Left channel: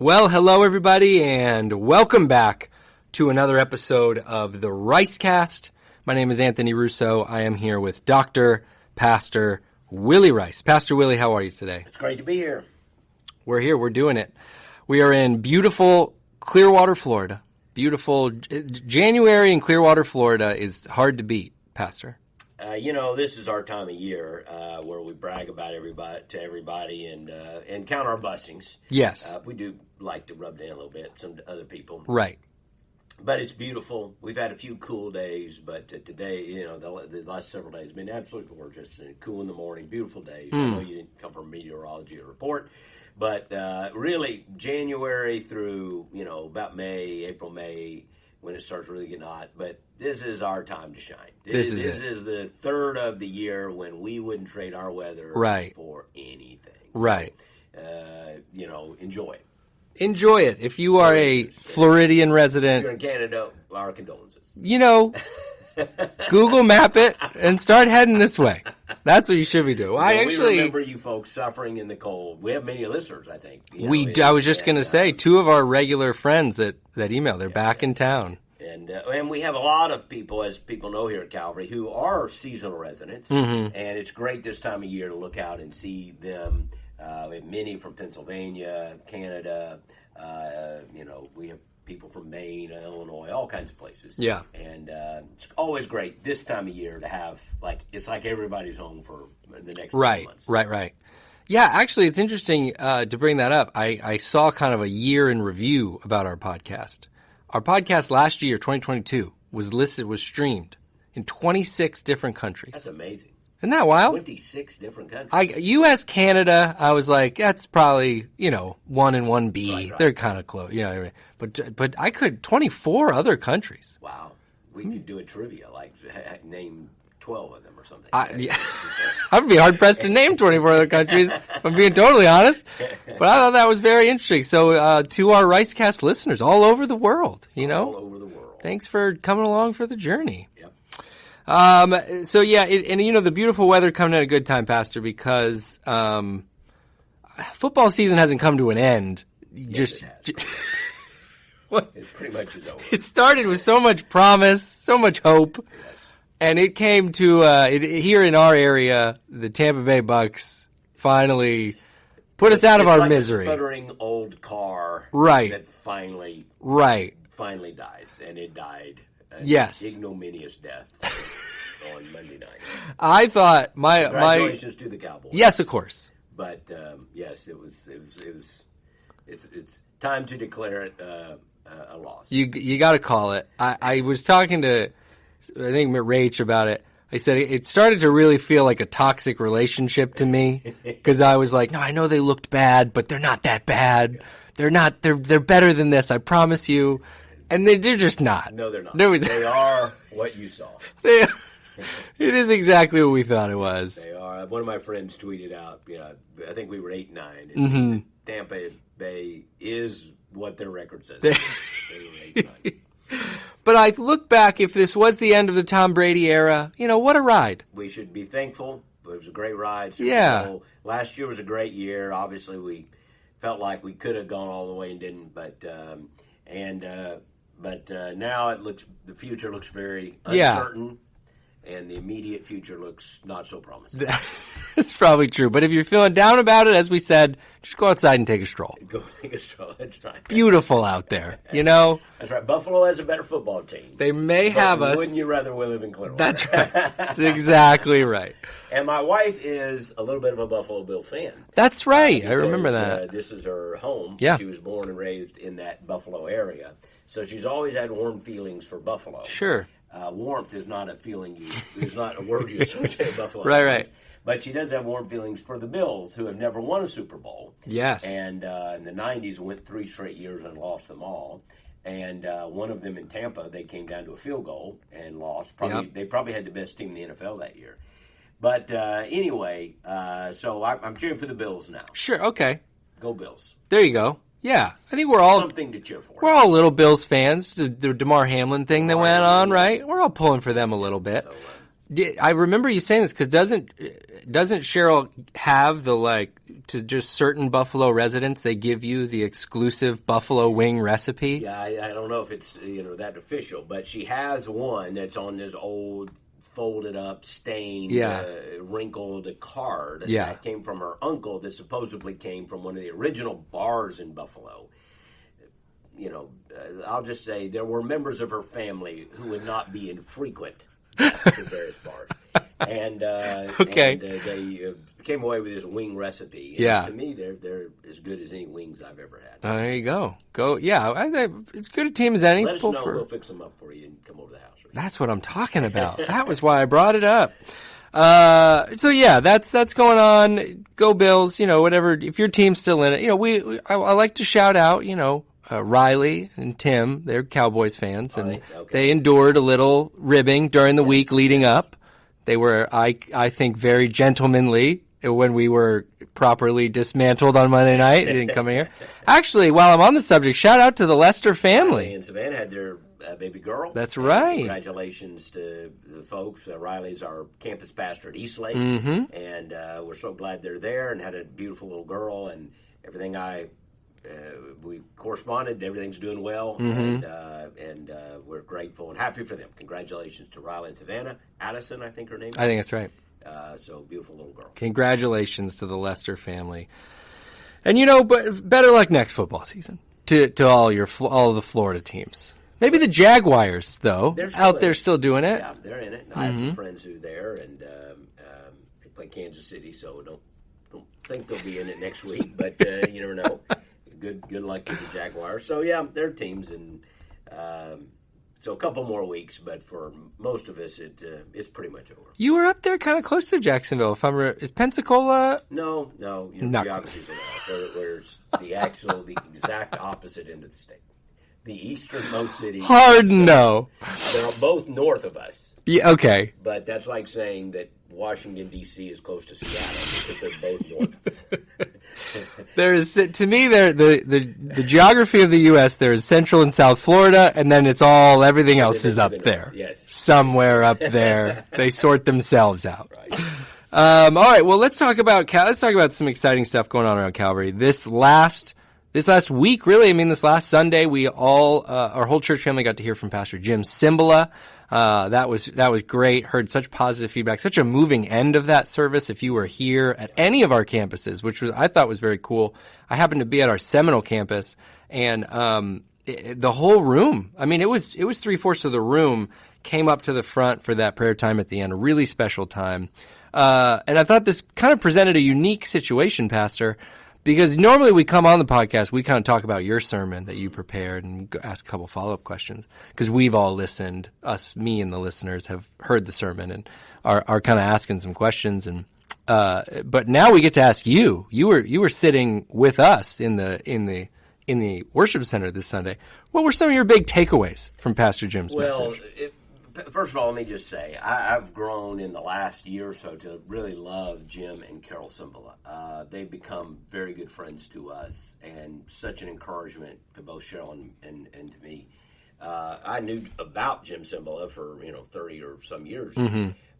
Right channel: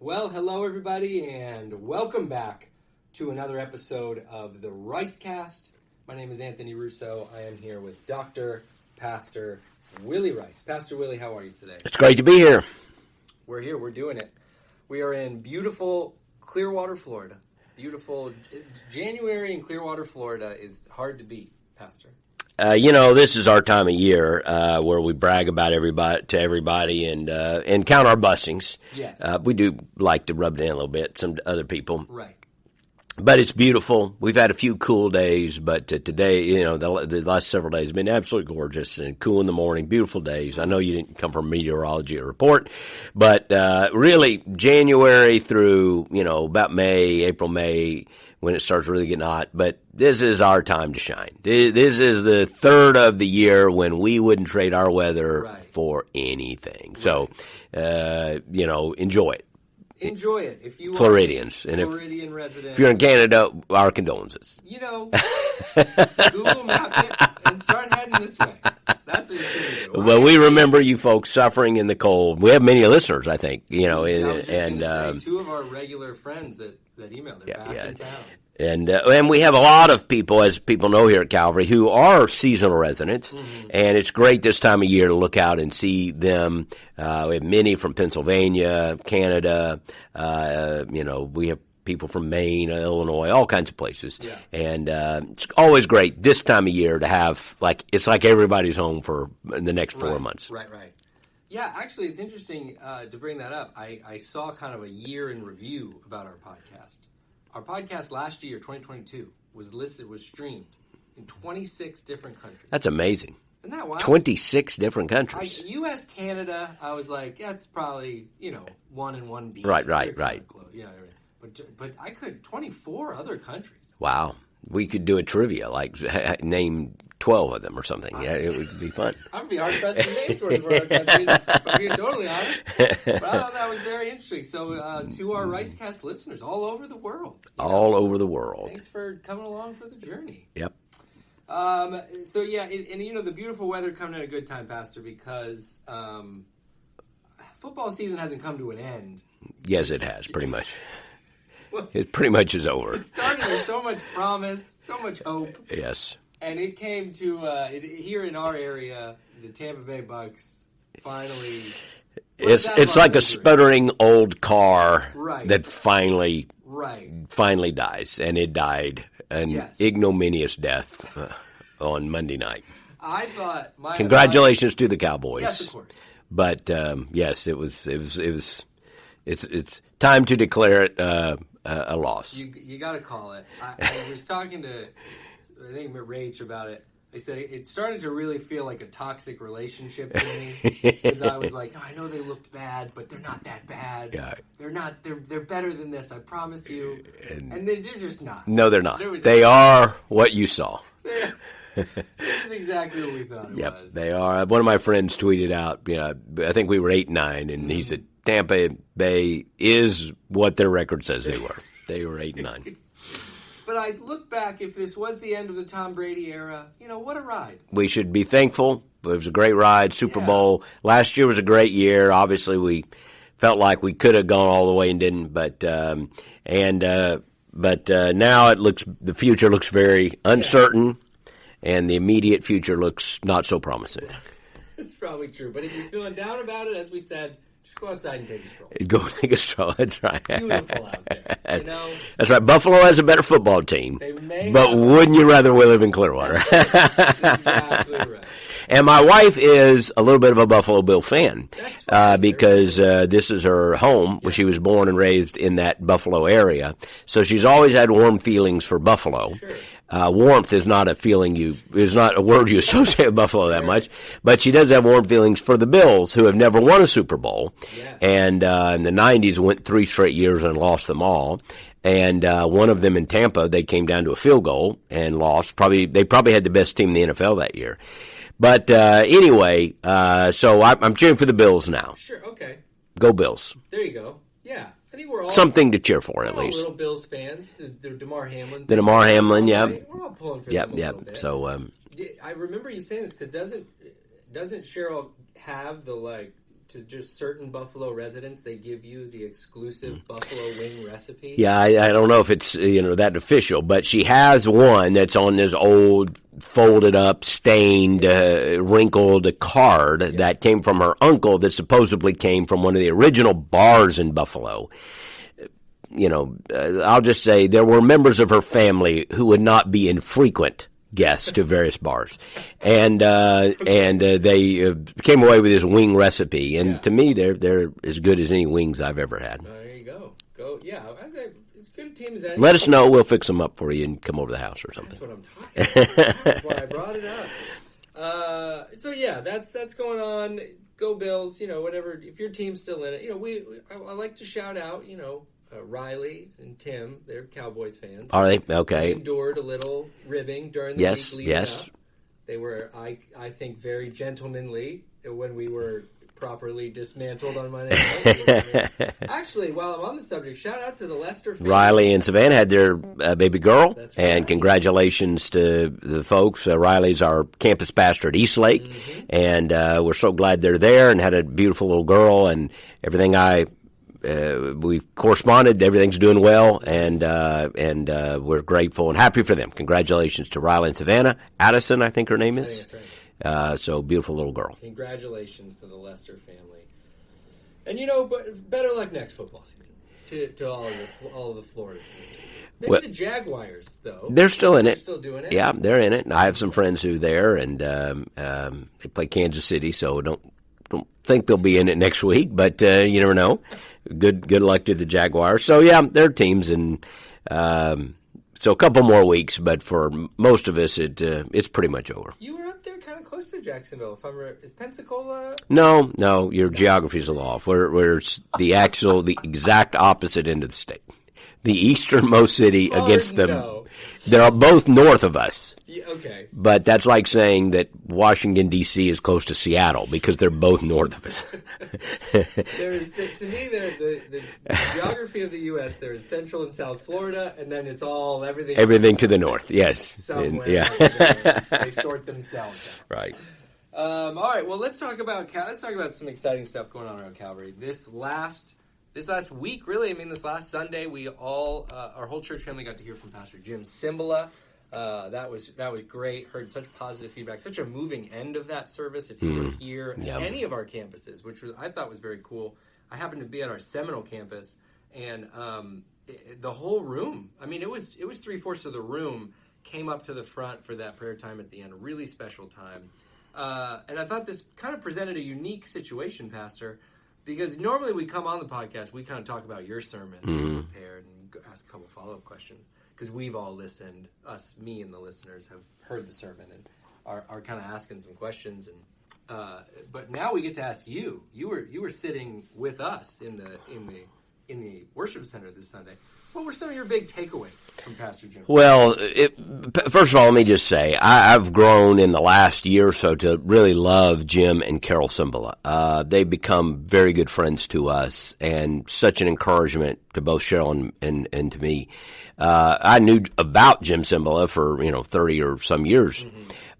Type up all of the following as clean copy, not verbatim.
Well, hello everybody, and welcome back to another episode of the Ricecast. My name is Anthony Russo. I am here with Dr. Pastor Willie Rice. Pastor Willie, how are you today? It's great to be here. We're here. We're doing it. We are in beautiful Clearwater, Florida. Beautiful January in Clearwater, Florida is hard to beat, Pastor. This is our time of year where we brag about everybody and count our blessings. Yes. We do like to rub it in a little bit, some other people. Right. But it's beautiful. We've had a few cool days, but today, the last several days have been absolutely gorgeous and cool in the morning, beautiful days. I know you didn't come from meteorology or report, but really January through, about April, May, when it starts really getting hot. But this is our time to shine. This is the third of the year when we wouldn't trade our weather for anything. Right. So, enjoy it. Enjoy it. If you are a Floridian resident. If you're in Canada, our condolences. Google map it and start heading this way. That's what you should be doing. Well, we remember you folks suffering in the cold. We have many listeners, I think. I was just going to say, two of our regular friends that email, they're back in town. And we have a lot of people, as people know here at Calvary, who are seasonal residents, and it's great this time of year to look out and see them. We have many from Pennsylvania, Canada. We have people from Maine, Illinois, all kinds of places. Yeah, and it's always great this time of year to have it's like everybody's home for the next 4 months. Right. Yeah, actually, it's interesting to bring that up. I saw kind of a year in review about our podcast. Our podcast last year, 2022, was streamed in 26 different countries. That's amazing. Isn't that wild? 26 different countries. U.S., Canada, I was like, that's probably, 1 and 1B. Right. They're kind of close. But I could, 24 other countries. Wow. We could do a trivia, name 12 of them or something. It would be fun. I'd be hard-pressed to name 24 other countries, if I'm being totally honest. But I thought that was very interesting. So to our Ricecast listeners all over the world. All over the world. Thanks for coming along for the journey. Yep. The beautiful weather coming at a good time, Pastor, because football season hasn't come to an end. Yes, it has, pretty much. It pretty much is over. It started with so much promise, so much hope. Yes. And it came to here in our area, the Tampa Bay Bucks finally put us out of our misery. It's like a sputtering old car that finally dies, and it died an ignominious death on Monday night. I thought congratulations to the Cowboys. Yes, of course. But yes, it's time to declare it a loss. You got to call it. I was talking to, I think, Rach about it. I said it started to really feel like a toxic relationship to me because I was like, no, I know they looked bad, but they're not that bad. Yeah. They're not. They're better than this. I promise you. And they're just not. No, they're not. They are what you saw. It is exactly what we thought it was. They are. One of my friends tweeted out, I think we were 8-9, and he said Tampa Bay is what their record says they were. They were 8-9. But I look back, if this was the end of the Tom Brady era, what a ride. We should be thankful. It was a great ride. Super Bowl. Last year was a great year. Obviously, we felt like we could have gone all the way and didn't. But now the future looks very uncertain, and the immediate future looks not so promising. That's probably true. But if you're feeling down about it, as we said, just go outside and take a stroll. Go take a stroll. That's right. Beautiful out there, That's right. Buffalo has a better football team. They may have But wouldn't you rather we live in Clearwater? That's exactly right. And my wife is a little bit of a Buffalo Bill fan. That's right. Because this is her home. Yeah. She was born and raised in that Buffalo area. So she's always had warm feelings for Buffalo. Sure. Warmth is not a word you associate with Buffalo that much. But she does have warm feelings for the Bills, who have never won a Super Bowl. Yes. And in the 90s went 3 straight years and lost them all. And one of them in Tampa, they came down to a field goal and lost. They probably had the best team in the NFL that year. But anyway, so I'm cheering for the Bills now. Sure, okay. Go Bills. There you go. Yeah, I think we're all something to cheer for. We're all little Bills fans. The Damar Hamlin thing that went on, right? We're all pulling for them a little bit. So I remember you saying this because doesn't Cheryl have the to just certain Buffalo residents, they give you the exclusive buffalo wing recipe? Yeah, I don't know if it's that official, but she has one that's on this old folded up, stained, wrinkled card that came from her uncle that supposedly came from one of the original bars in Buffalo. I'll just say there were members of her family who would not be infrequent guests to various bars, and they came away with this wing recipe. And to me, they're as good as any wings I've ever had. There you go. It's good a team as any. Let us know. We'll fix them up for you and come over to the house or something. That's what I'm talking about. That was why I brought it up. That's going on. Go Bills. Whatever. If your team's still in it, I like to shout out. Riley and Tim, they're Cowboys fans. Are they? Okay. They endured a little ribbing during the week leading up. They were, I think, very gentlemanly when we were properly dismantled on Monday night. They didn't come here. Actually, while I'm on the subject, shout out to the Lester family. Riley and Savannah had their baby girl. That's right. And congratulations to the folks. Riley's our campus pastor at Eastlake, and we're so glad they're there and had a beautiful little girl and everything. We corresponded. Everything's doing well, and we're grateful and happy for them. Congratulations to Riley and Savannah. Addison, I think her name is. I think that's right. So beautiful little girl. Congratulations to the Lester family. And but better luck next football season to all of the Florida teams. Maybe the Jaguars, though. They're still in it. They're still doing it. Yeah, they're in it. And I have some friends who are there, and they play Kansas City, so don't think they'll be in it next week, but you never know. Good luck to the Jaguars. So, they're teams, and so a couple more weeks, but for most of us, it's pretty much over. You were up there kind of close to Jacksonville. Is Pensacola? No, your geography's a little off. We're the exact opposite end of the state. The easternmost city. They're both north of us. Yeah, okay. But that's like saying that Washington, D.C. is close to Seattle because they're both north of us. To me, the geography of the U.S., there's Central and South Florida, and then it's everything else is to up the there. north. Yes. Somewhere up there. They sort themselves out. Right. All right, well, let's talk about some exciting stuff going on around Calvary. This last week, really, this last Sunday, we all, our whole church family got to hear from Pastor Jim Cymbala. That was great. Heard such positive feedback, such a moving end of that service. If you were here at any of our campuses, which I thought was very cool. I happened to be at our Seminole campus, and the whole room, it was 3/4 of the room came up to the front for that prayer time at the end, a really special time. And I thought this kind of presented a unique situation, Pastor, because normally we come on the podcast, we kind of talk about your sermon that you prepared and ask a couple follow-up questions because we've all listened. Me and the listeners have heard the sermon and are kind of asking some questions. And but now we get to ask you. You were sitting with us in the worship center this Sunday. What were some of your big takeaways from Pastor Jim's? Well, first of all, let me just say, I've grown in the last year or so to really love Jim and Carol Cymbala. They've become very good friends to us and such an encouragement to both Cheryl and to me. I knew about Jim Cymbala for 30 or some years,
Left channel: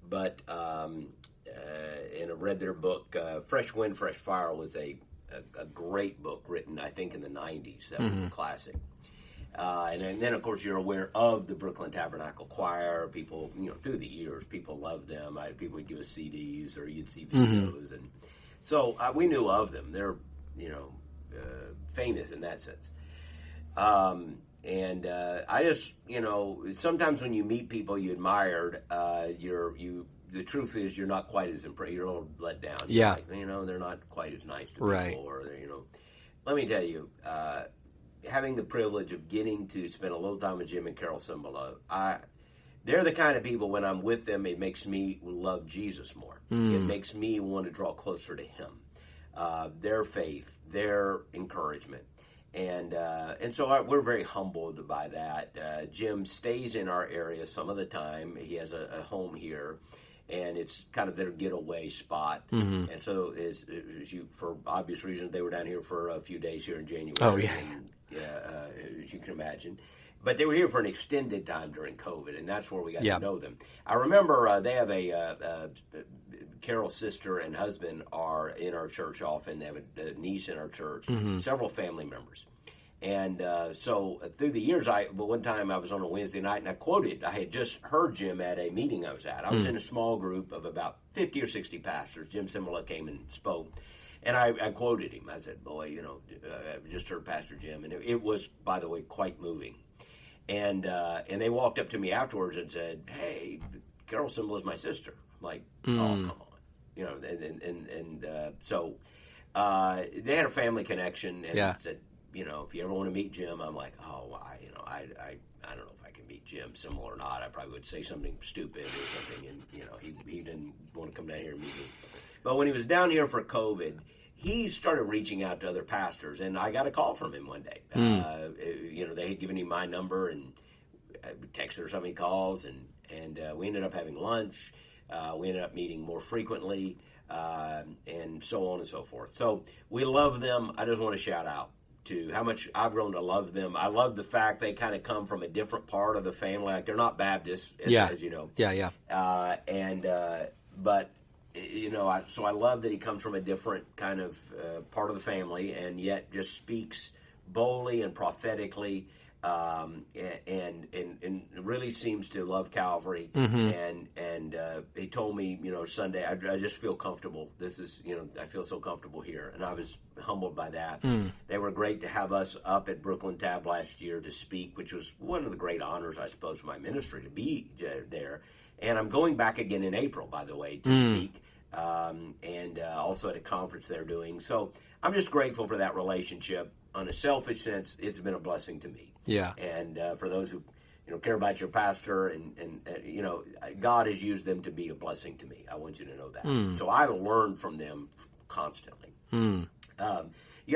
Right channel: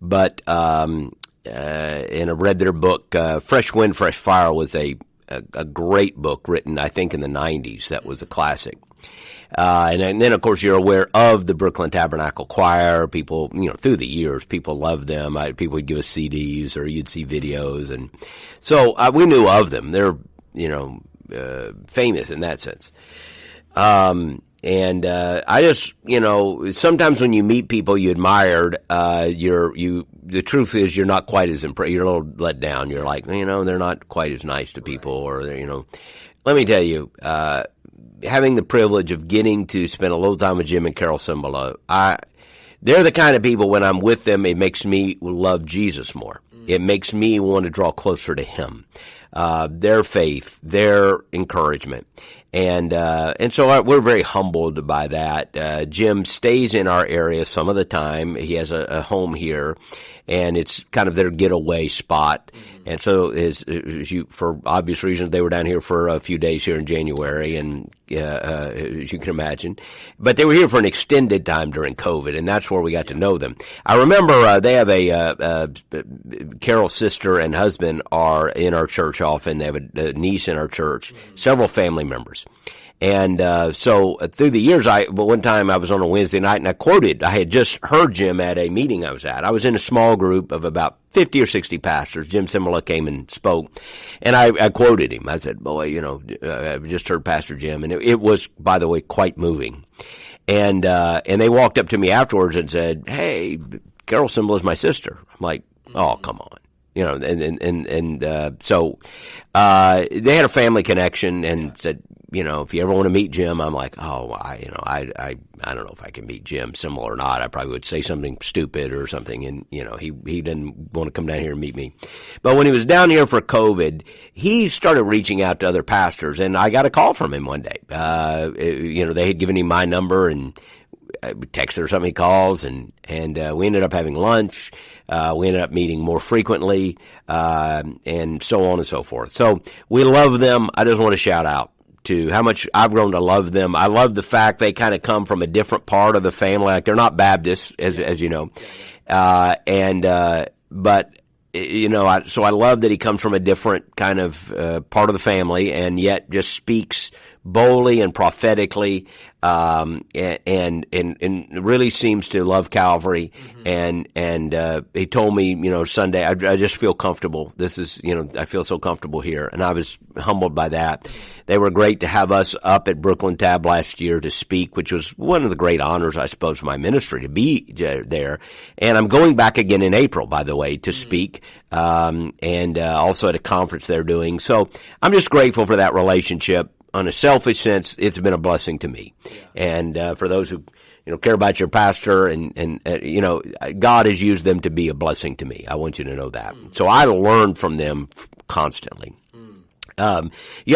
but and I read their book. Fresh Wind, Fresh Fire was a great book written, I think, in the 90s. That was a classic. And then, of course, you're aware of the Brooklyn Tabernacle Choir. People, through the years, people loved them. People would give us CDs or you'd see videos. And so we knew of them. They're, famous in that sense. And I just, sometimes when you meet people you admired, the truth is you're not quite as impressed. You're a little let down. You're like, they're not quite as nice to people, or let me tell you, having the privilege of getting to spend a little time with Jim and Carol Cymbala, they're the kind of people, when I'm with them, it makes me love Jesus more. It makes me want to draw closer to him. Their faith, their encouragement. And so we're very humbled by that. Jim stays in our area some of the time. He has a home here. and it's kind of their getaway spot. And so, for obvious reasons, they were down here for a few days here in January, and as you can imagine. But they were here for an extended time during COVID, and that's where we got to know them. I remember they have Carol's sister and husband are in our church often. They have a niece in our church, several family members. And so through the years, but one time I was on a Wednesday night, and I had just heard Jim at a meeting I was at. I was in a small group of about 50 or 60 pastors. Jim Simula came and spoke, and I quoted him. I said, boy, I've just heard Pastor Jim, and it was, by the way, quite moving. And they walked up to me afterwards and said, hey, Carol Simula is my sister. I'm like, oh, come on. So they had a family connection and said, if you ever want to meet Jim, I'm like, oh, I don't know if I can meet Jim, Simula or not. I probably would say something stupid or something, and he didn't want to come down here and meet me. But when he was down here for COVID, he started reaching out to other pastors, and I got a call from him one day. They had given him my number, and I texted or something. He calls, and we ended up having lunch. We ended up meeting more frequently, and so on and so forth. So we love them. I just want to shout out to how much I've grown to love them. I love the fact they kind of come from a different part of the family. Like, they're not Baptists, as you know. So I love that he comes from a different kind of part of the family, and yet just speaks boldly and prophetically, and really seems to love Calvary. And he told me, Sunday, I just feel comfortable. This is, I feel so comfortable here, and I was humbled by that. They were great to have us up at Brooklyn Tab last year to speak, which was one of the great honors, I suppose, of my ministry to be there. And I'm going back again in April, by the way, to speak, and also at a conference they're doing. So I'm just grateful for that relationship. On a selfish sense, it's been a blessing to me. Yeah. And for those who care about your pastor, and God has used them to be a blessing to me. I want you to know that. So I learn from them constantly. You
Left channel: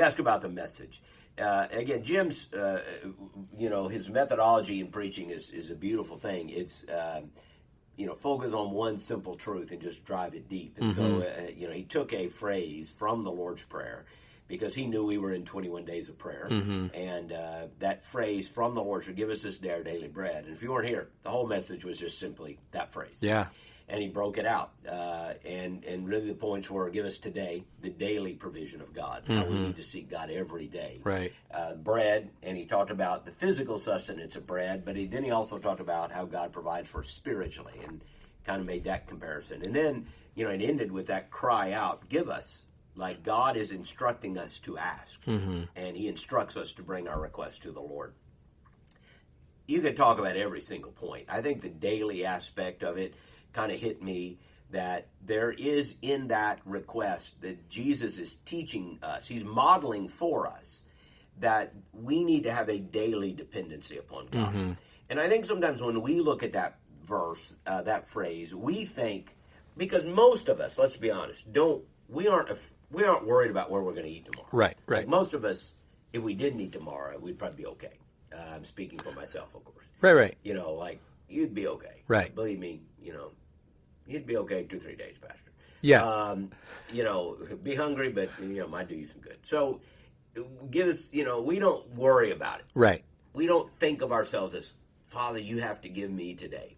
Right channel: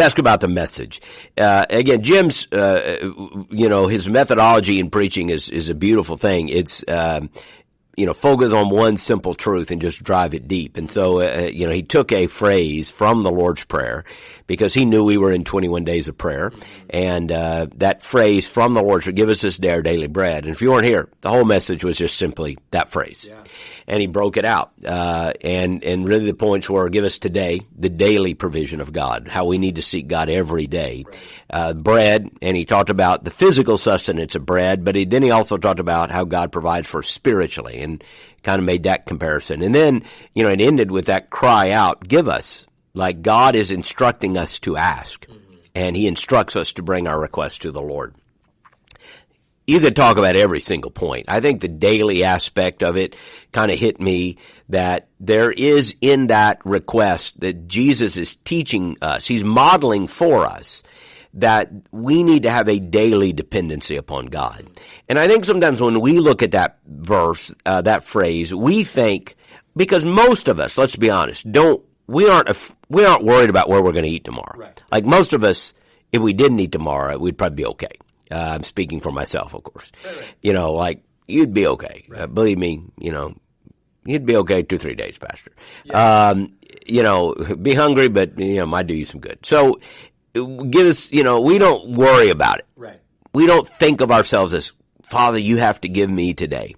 ask about the message. Again, Jim's, his methodology in preaching is a beautiful thing. It's focus on one simple truth and just drive it deep. And so, he took a phrase from the Lord's Prayer, because he knew we were in 21 days of prayer. And that phrase from the Lord's Prayer, give us this day our daily bread. And if you weren't here, the whole message was just simply that phrase. Yeah. And he broke it out. And really the points were, give us today the daily provision of God, how we need to seek God every day. Right. Bread, and he talked about the physical sustenance of bread, but then he also talked about how God provides for us spiritually, and kind of made that comparison. And then, it ended with that cry out, give us. Like, God is instructing us to ask, and he instructs us to bring our requests to the Lord. You could talk about every single point. I think the daily aspect of it kind of hit me, that there is in that request that Jesus is teaching us. He's modeling for us that we need to have a daily dependency upon God. And I think sometimes when we look at that verse, that phrase, we think, because most of us, let's be honest, we aren't worried about where we're going to eat tomorrow. Right. Like, most of us, if we didn't eat tomorrow, we'd probably be okay. I'm speaking for myself, of course. Right. Like, you'd be okay. Right. Believe me, you'd be okay 2-3 days, Pastor. Yeah. Be hungry, but, might do you some good. So, give us, we don't worry about it. Right. We don't think of ourselves as, Father, you have to give me today.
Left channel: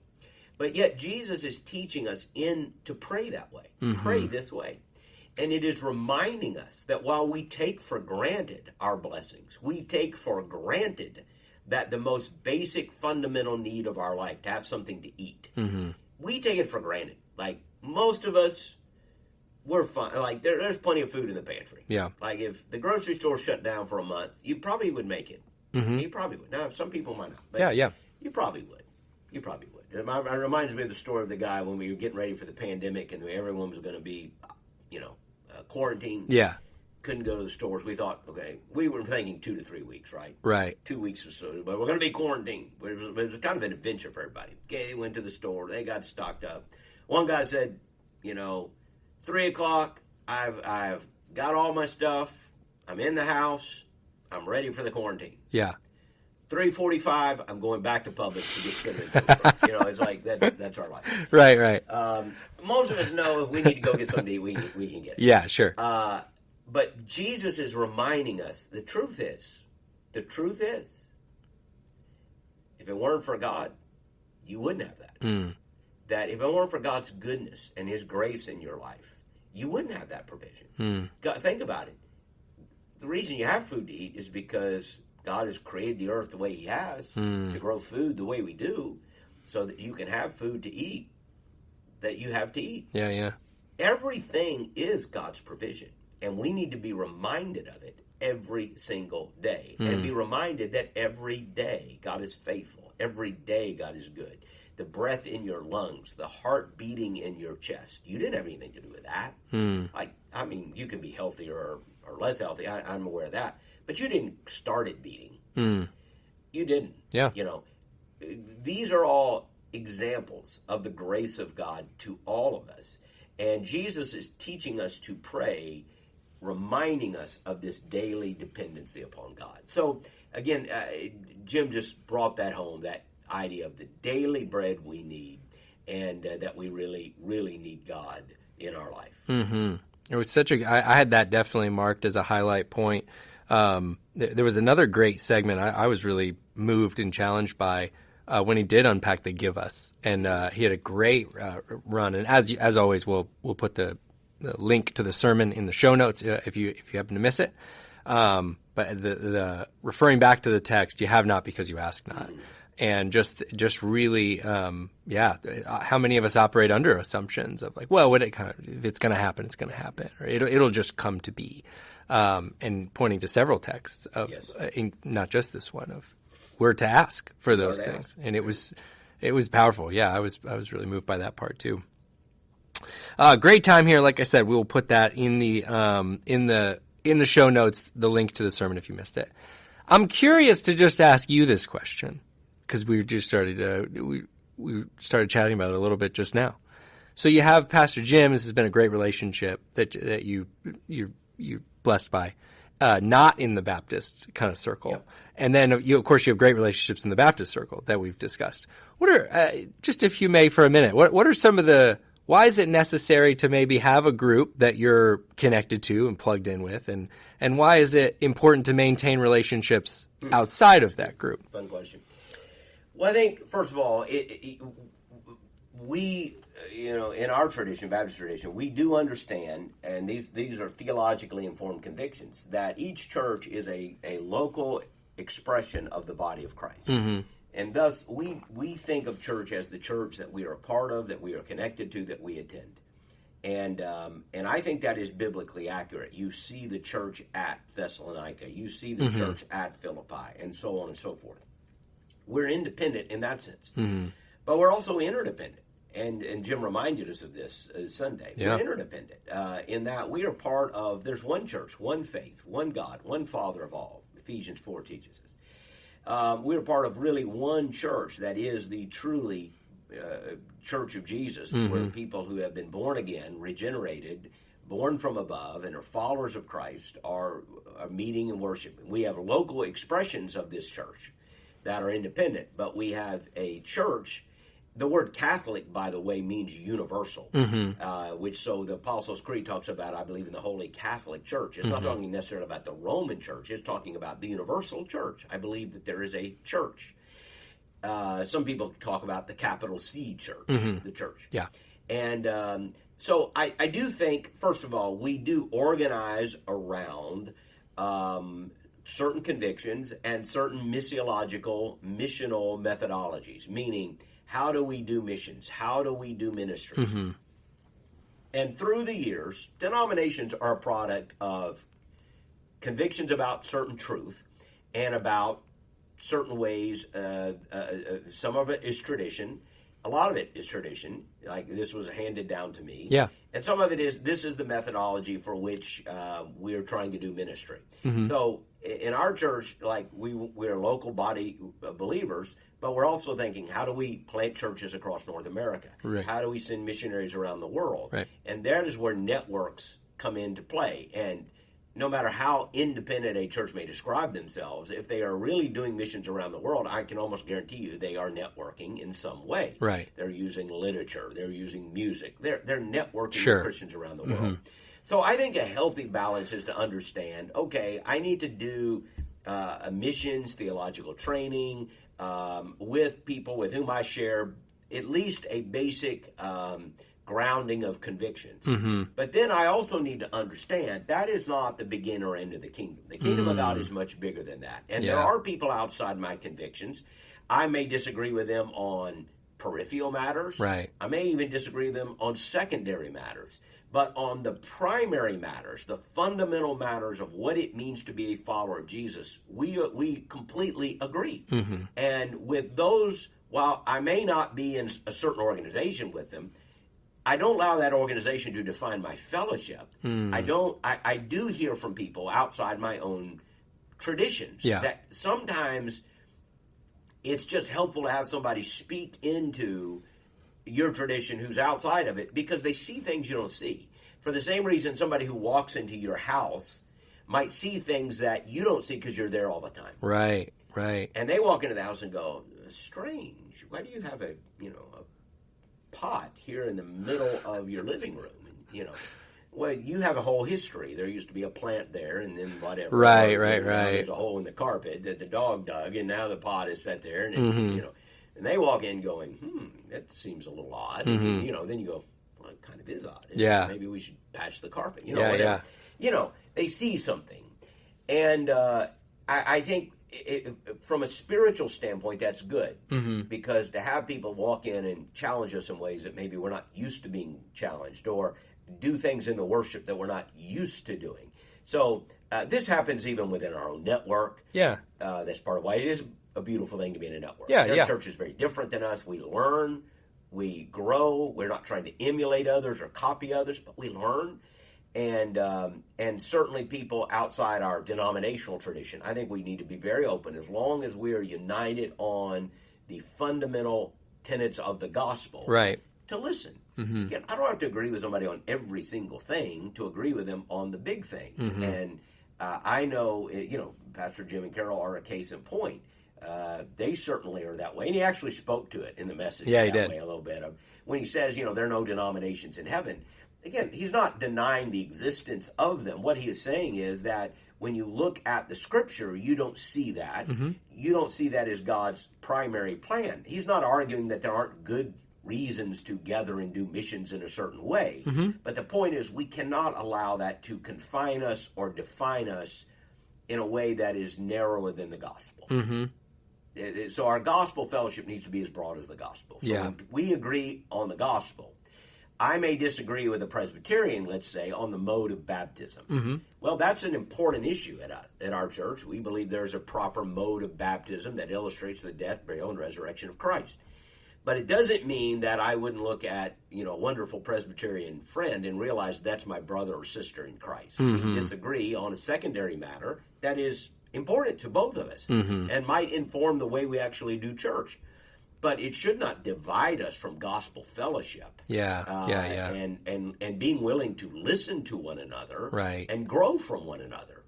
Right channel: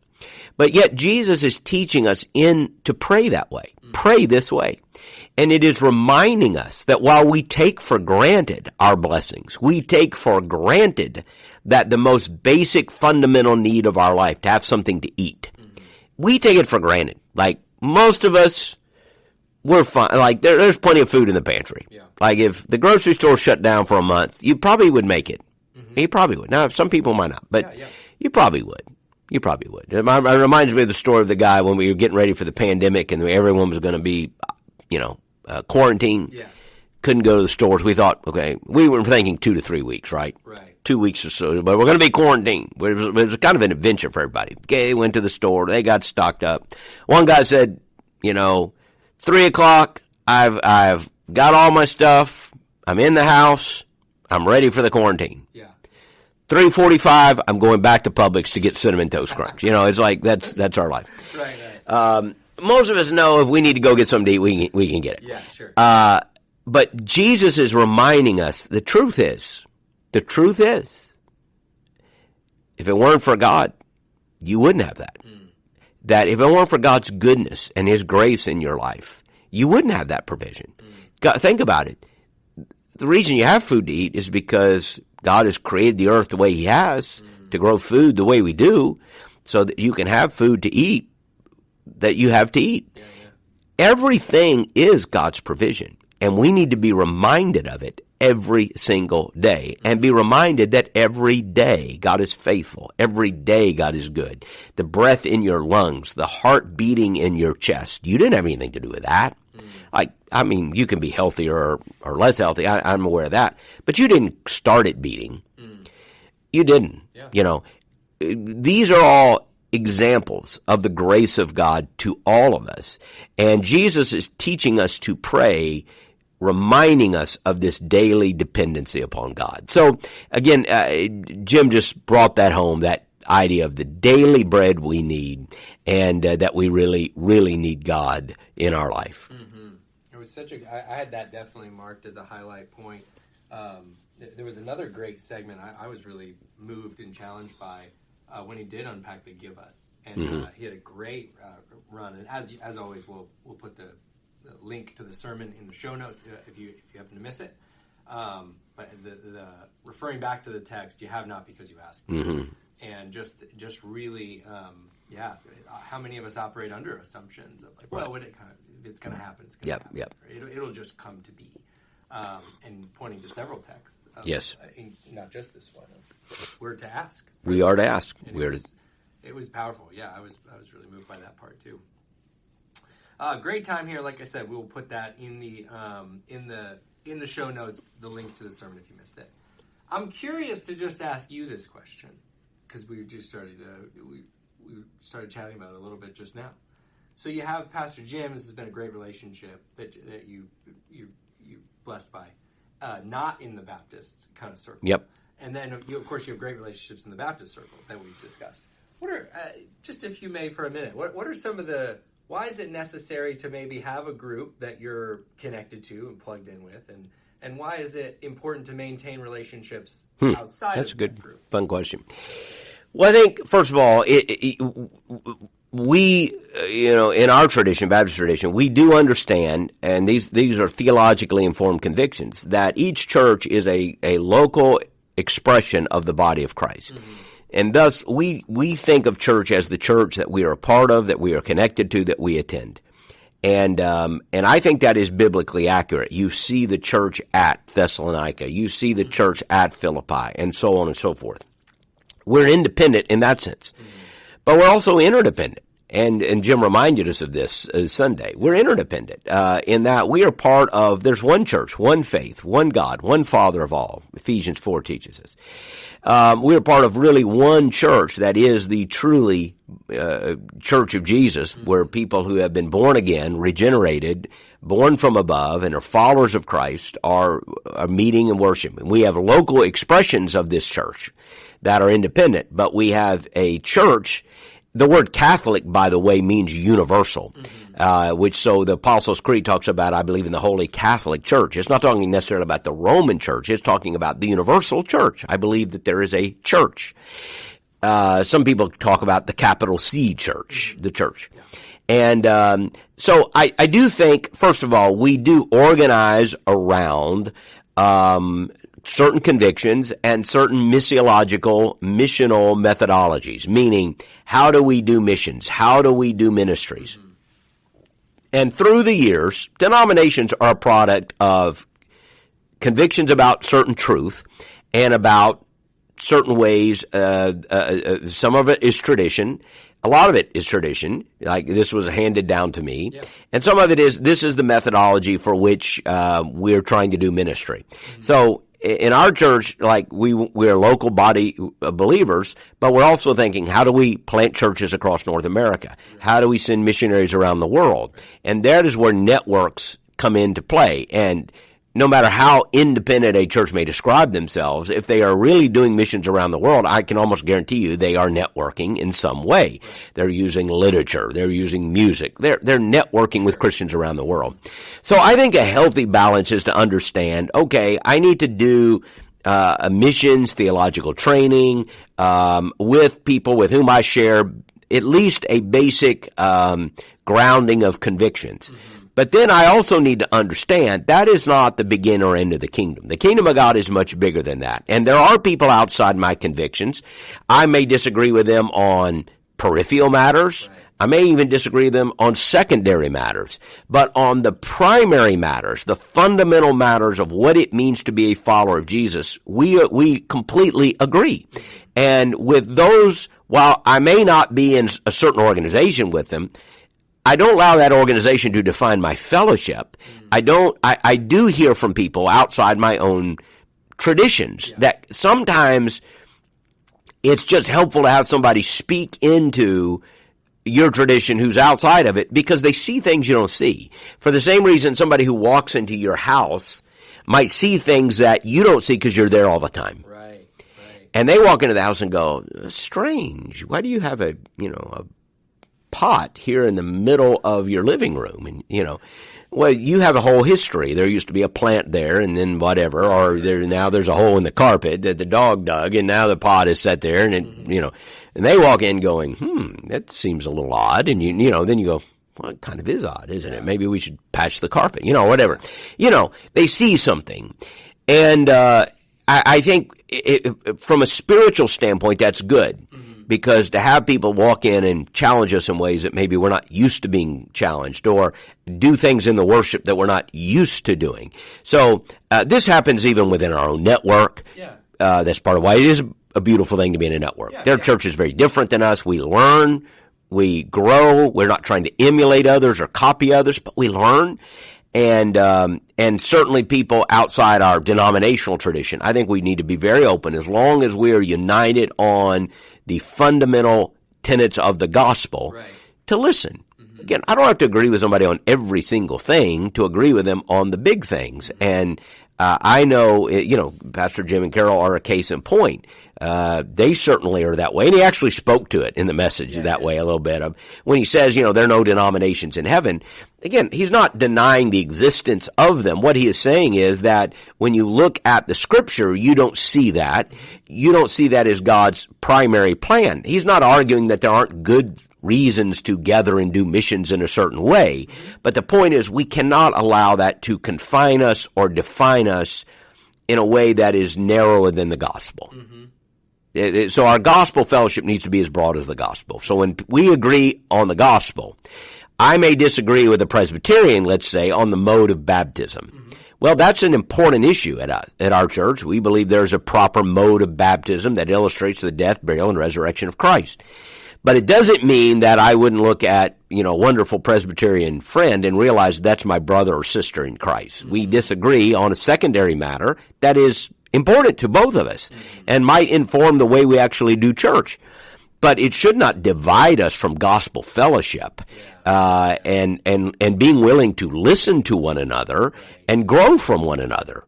But yet Jesus is teaching us to pray that way, pray this way. And it is reminding us that while we take for granted our blessings, we take for granted that the most basic fundamental need of our life, to have something to eat, we take it for granted. Like, most of us, we're fine. Like, there's plenty of food in the pantry. Yeah. Like, if the grocery store shut down for a month, you probably would make it. You probably would. Now, some people might not, but you probably would. You probably would. It reminds me of the story of the guy when we were getting ready for the pandemic and everyone was going to be, quarantined. Yeah. Couldn't go to the stores. We thought, okay, we were thinking 2 to 3 weeks, right? Right. 2 weeks or so, but we're going to be quarantined. It was kind of an adventure for everybody. Okay, went to the store. They got stocked up. One guy said, 3 o'clock, I've got all my stuff. I'm in the house. I'm ready for the quarantine. Yeah. 3:45, I'm going back to Publix to get Cinnamon Toast Crunch. It's like that's our life. Right. most of us know if we need to go get something to eat, we can get it. Yeah, sure. But Jesus is reminding us the truth is, if it weren't for God, you wouldn't have that. That if it weren't for God's goodness and His grace in your life, you wouldn't have that provision. God, think about it. The reason you have food to eat is because God has created the earth the way He has to grow food the way we do, so that you can have food to eat that you have to eat. Yeah. Everything is God's provision, and we need to be reminded of it every single day, and be reminded that every day God is faithful. Every day God is good. The breath in your lungs, the heart beating in your chest, you didn't have anything to do with that. I mean, you can be healthy or less healthy. I'm aware of that. But you didn't start it beating. You didn't. Yeah. You know, these are all examples of the grace of God to all of us. And Jesus is teaching us to pray, reminding us of this daily dependency upon God. So, again, Jim just brought that home, that idea of the daily bread we need, and that we really, really need God in our life. It was I had that definitely marked as a highlight point. There was another great segment I was really moved and challenged by when he did unpack the give us, and he had a great run. And as always, we'll put the link to the sermon in the show notes if you happen to miss it. But the referring back to the text, you have not because you ask not. And just really, how many of us operate under assumptions of like, well, if it's going to happen, it's going to happen. Or it'll just come to be. And pointing to several texts of, not just this one, of we're to ask for those. We are to ask. And it was powerful. Yeah, I was really moved by that part too. Great time here. Like I said, we will put that in the show notes, the link to the sermon if you missed it. I'm curious to just ask you this question, because we just started we started chatting about it a little bit just now. So you have Pastor Jim. This has been a great relationship that you're blessed by, not in the Baptist kind of circle. Yep. And then of course you have great relationships in the Baptist circle that we've discussed. What are just if you may for a minute, what are some of the, why is it necessary to maybe have a group that you're connected to and plugged in with, and why is it important to maintain relationships outside of that group? Fun question. Well, I think, first of all, we, in our tradition, Baptist tradition, we do understand, and these are theologically informed convictions, that each church is a local expression of the body of Christ. And thus, we think of church as the church that we are a part of, that we are connected to, that we attend. And I think that is biblically accurate. You see the church at Thessalonica. You see the church at Philippi, and so on and so forth. We're independent in that sense. But we're also interdependent. And Jim reminded us of this Sunday. Yeah. We're interdependent in that we are part of, there's one church, one faith, one God, one Father of all. Ephesians 4 teaches us. We are part of really one church that is the truly church of Jesus, where people who have been born again, regenerated, born from above, and are followers of Christ are meeting and worshiping. We have local expressions of this church that are independent, but we have a church. The word Catholic, by the way, means universal, which so the Apostles' Creed talks about, I believe, in the Holy Catholic Church. It's not talking necessarily about the Roman Church. It's talking about the universal church. I believe that there is a church. Some people talk about the capital C church, the church. Yeah. And so I do think, first of all, we do organize around certain convictions and certain missional methodologies, meaning how do we do missions? How do we do ministries? And through the years, denominations are a product of convictions about certain truth and about certain ways. Some of it is tradition. A lot of it is tradition, like this was handed down to me. Yeah. And some of it is, this is the methodology for which we're trying to do ministry. So in our church, like we're a local body of believers, but we're also thinking, how do we plant churches across North America? Right. How do we send missionaries around the world? Right. And that is where networks come into play. And no matter how independent a church may describe themselves, if they are really doing missions around the world, I can almost guarantee you they are networking in some way. Right. They're using literature. They're using music. They're networking with Christians around the world. So I think a healthy balance is to understand, okay, I need to do missions, theological training with people with whom I share at least a basic grounding of convictions. But then I also need to understand that is not the begin or end of the kingdom. The kingdom of God is much bigger than that. And there are people outside my convictions. I may disagree with them on peripheral matters. Right. I may even disagree with them on secondary matters. But on the primary matters, the fundamental matters of what it means to be a follower of Jesus, we completely agree. And with those, while I may not be in a certain organization with them, I don't allow that organization to define my fellowship. I do hear from people outside my own traditions that sometimes it's just helpful to have somebody speak into your tradition who's outside of it because they see things you don't see. For the same reason somebody who walks into your house might see things that you don't see because you're there all the time. Right, right. And they walk into the house and go, strange, why do you have a pot here in the middle of your living room? And, well, you have a whole history. There used to be a plant there, and then whatever. Now there's a hole in the carpet that the dog dug, and now the pot is set there, and and they walk in going, that seems a little odd, and then you go, well, it kind of is odd, isn't it? Maybe we should patch the carpet, whatever. They see something, and I think from a spiritual standpoint, that's good because to have people walk in and challenge us in ways that maybe we're not used to being challenged or do things in the worship that we're not used to doing. So this happens even within our own network. That's part of why it is a beautiful thing to be in a network. Their church is very different than us. We learn, we grow. We're not trying to emulate others or copy others, but we learn. And certainly people outside our denominational tradition, I think we need to be very open as long as we are united on the fundamental tenets of the gospel to listen. Again, I don't have to agree with somebody on every single thing to agree with them on the big things. And I know, Pastor Jim and Carol are a case in point. They certainly are that way. And he actually spoke to it in the message that way a little bit. When he says, there are no denominations in heaven, again, he's not denying the existence of them. What he is saying is that when you look at the Scripture, you don't see that. You don't see that as God's primary plan. He's not arguing that there aren't good reasons to gather and do missions in a certain way. But the point is we cannot allow that to confine us or define us in a way that is narrower than the gospel. So our gospel fellowship needs to be as broad as the gospel. So when we agree on the gospel, I may disagree with a Presbyterian, let's say, on the mode of baptism. Well, that's an important issue at our church. We believe there's a proper mode of baptism that illustrates the death, burial, and resurrection of Christ. But it doesn't mean that I wouldn't look at, a wonderful Presbyterian friend and realize that's my brother or sister in Christ. We disagree on a secondary matter that is important to both of us and might inform the way we actually do church. But it should not divide us from gospel fellowship and being willing to listen to one another and grow from one another.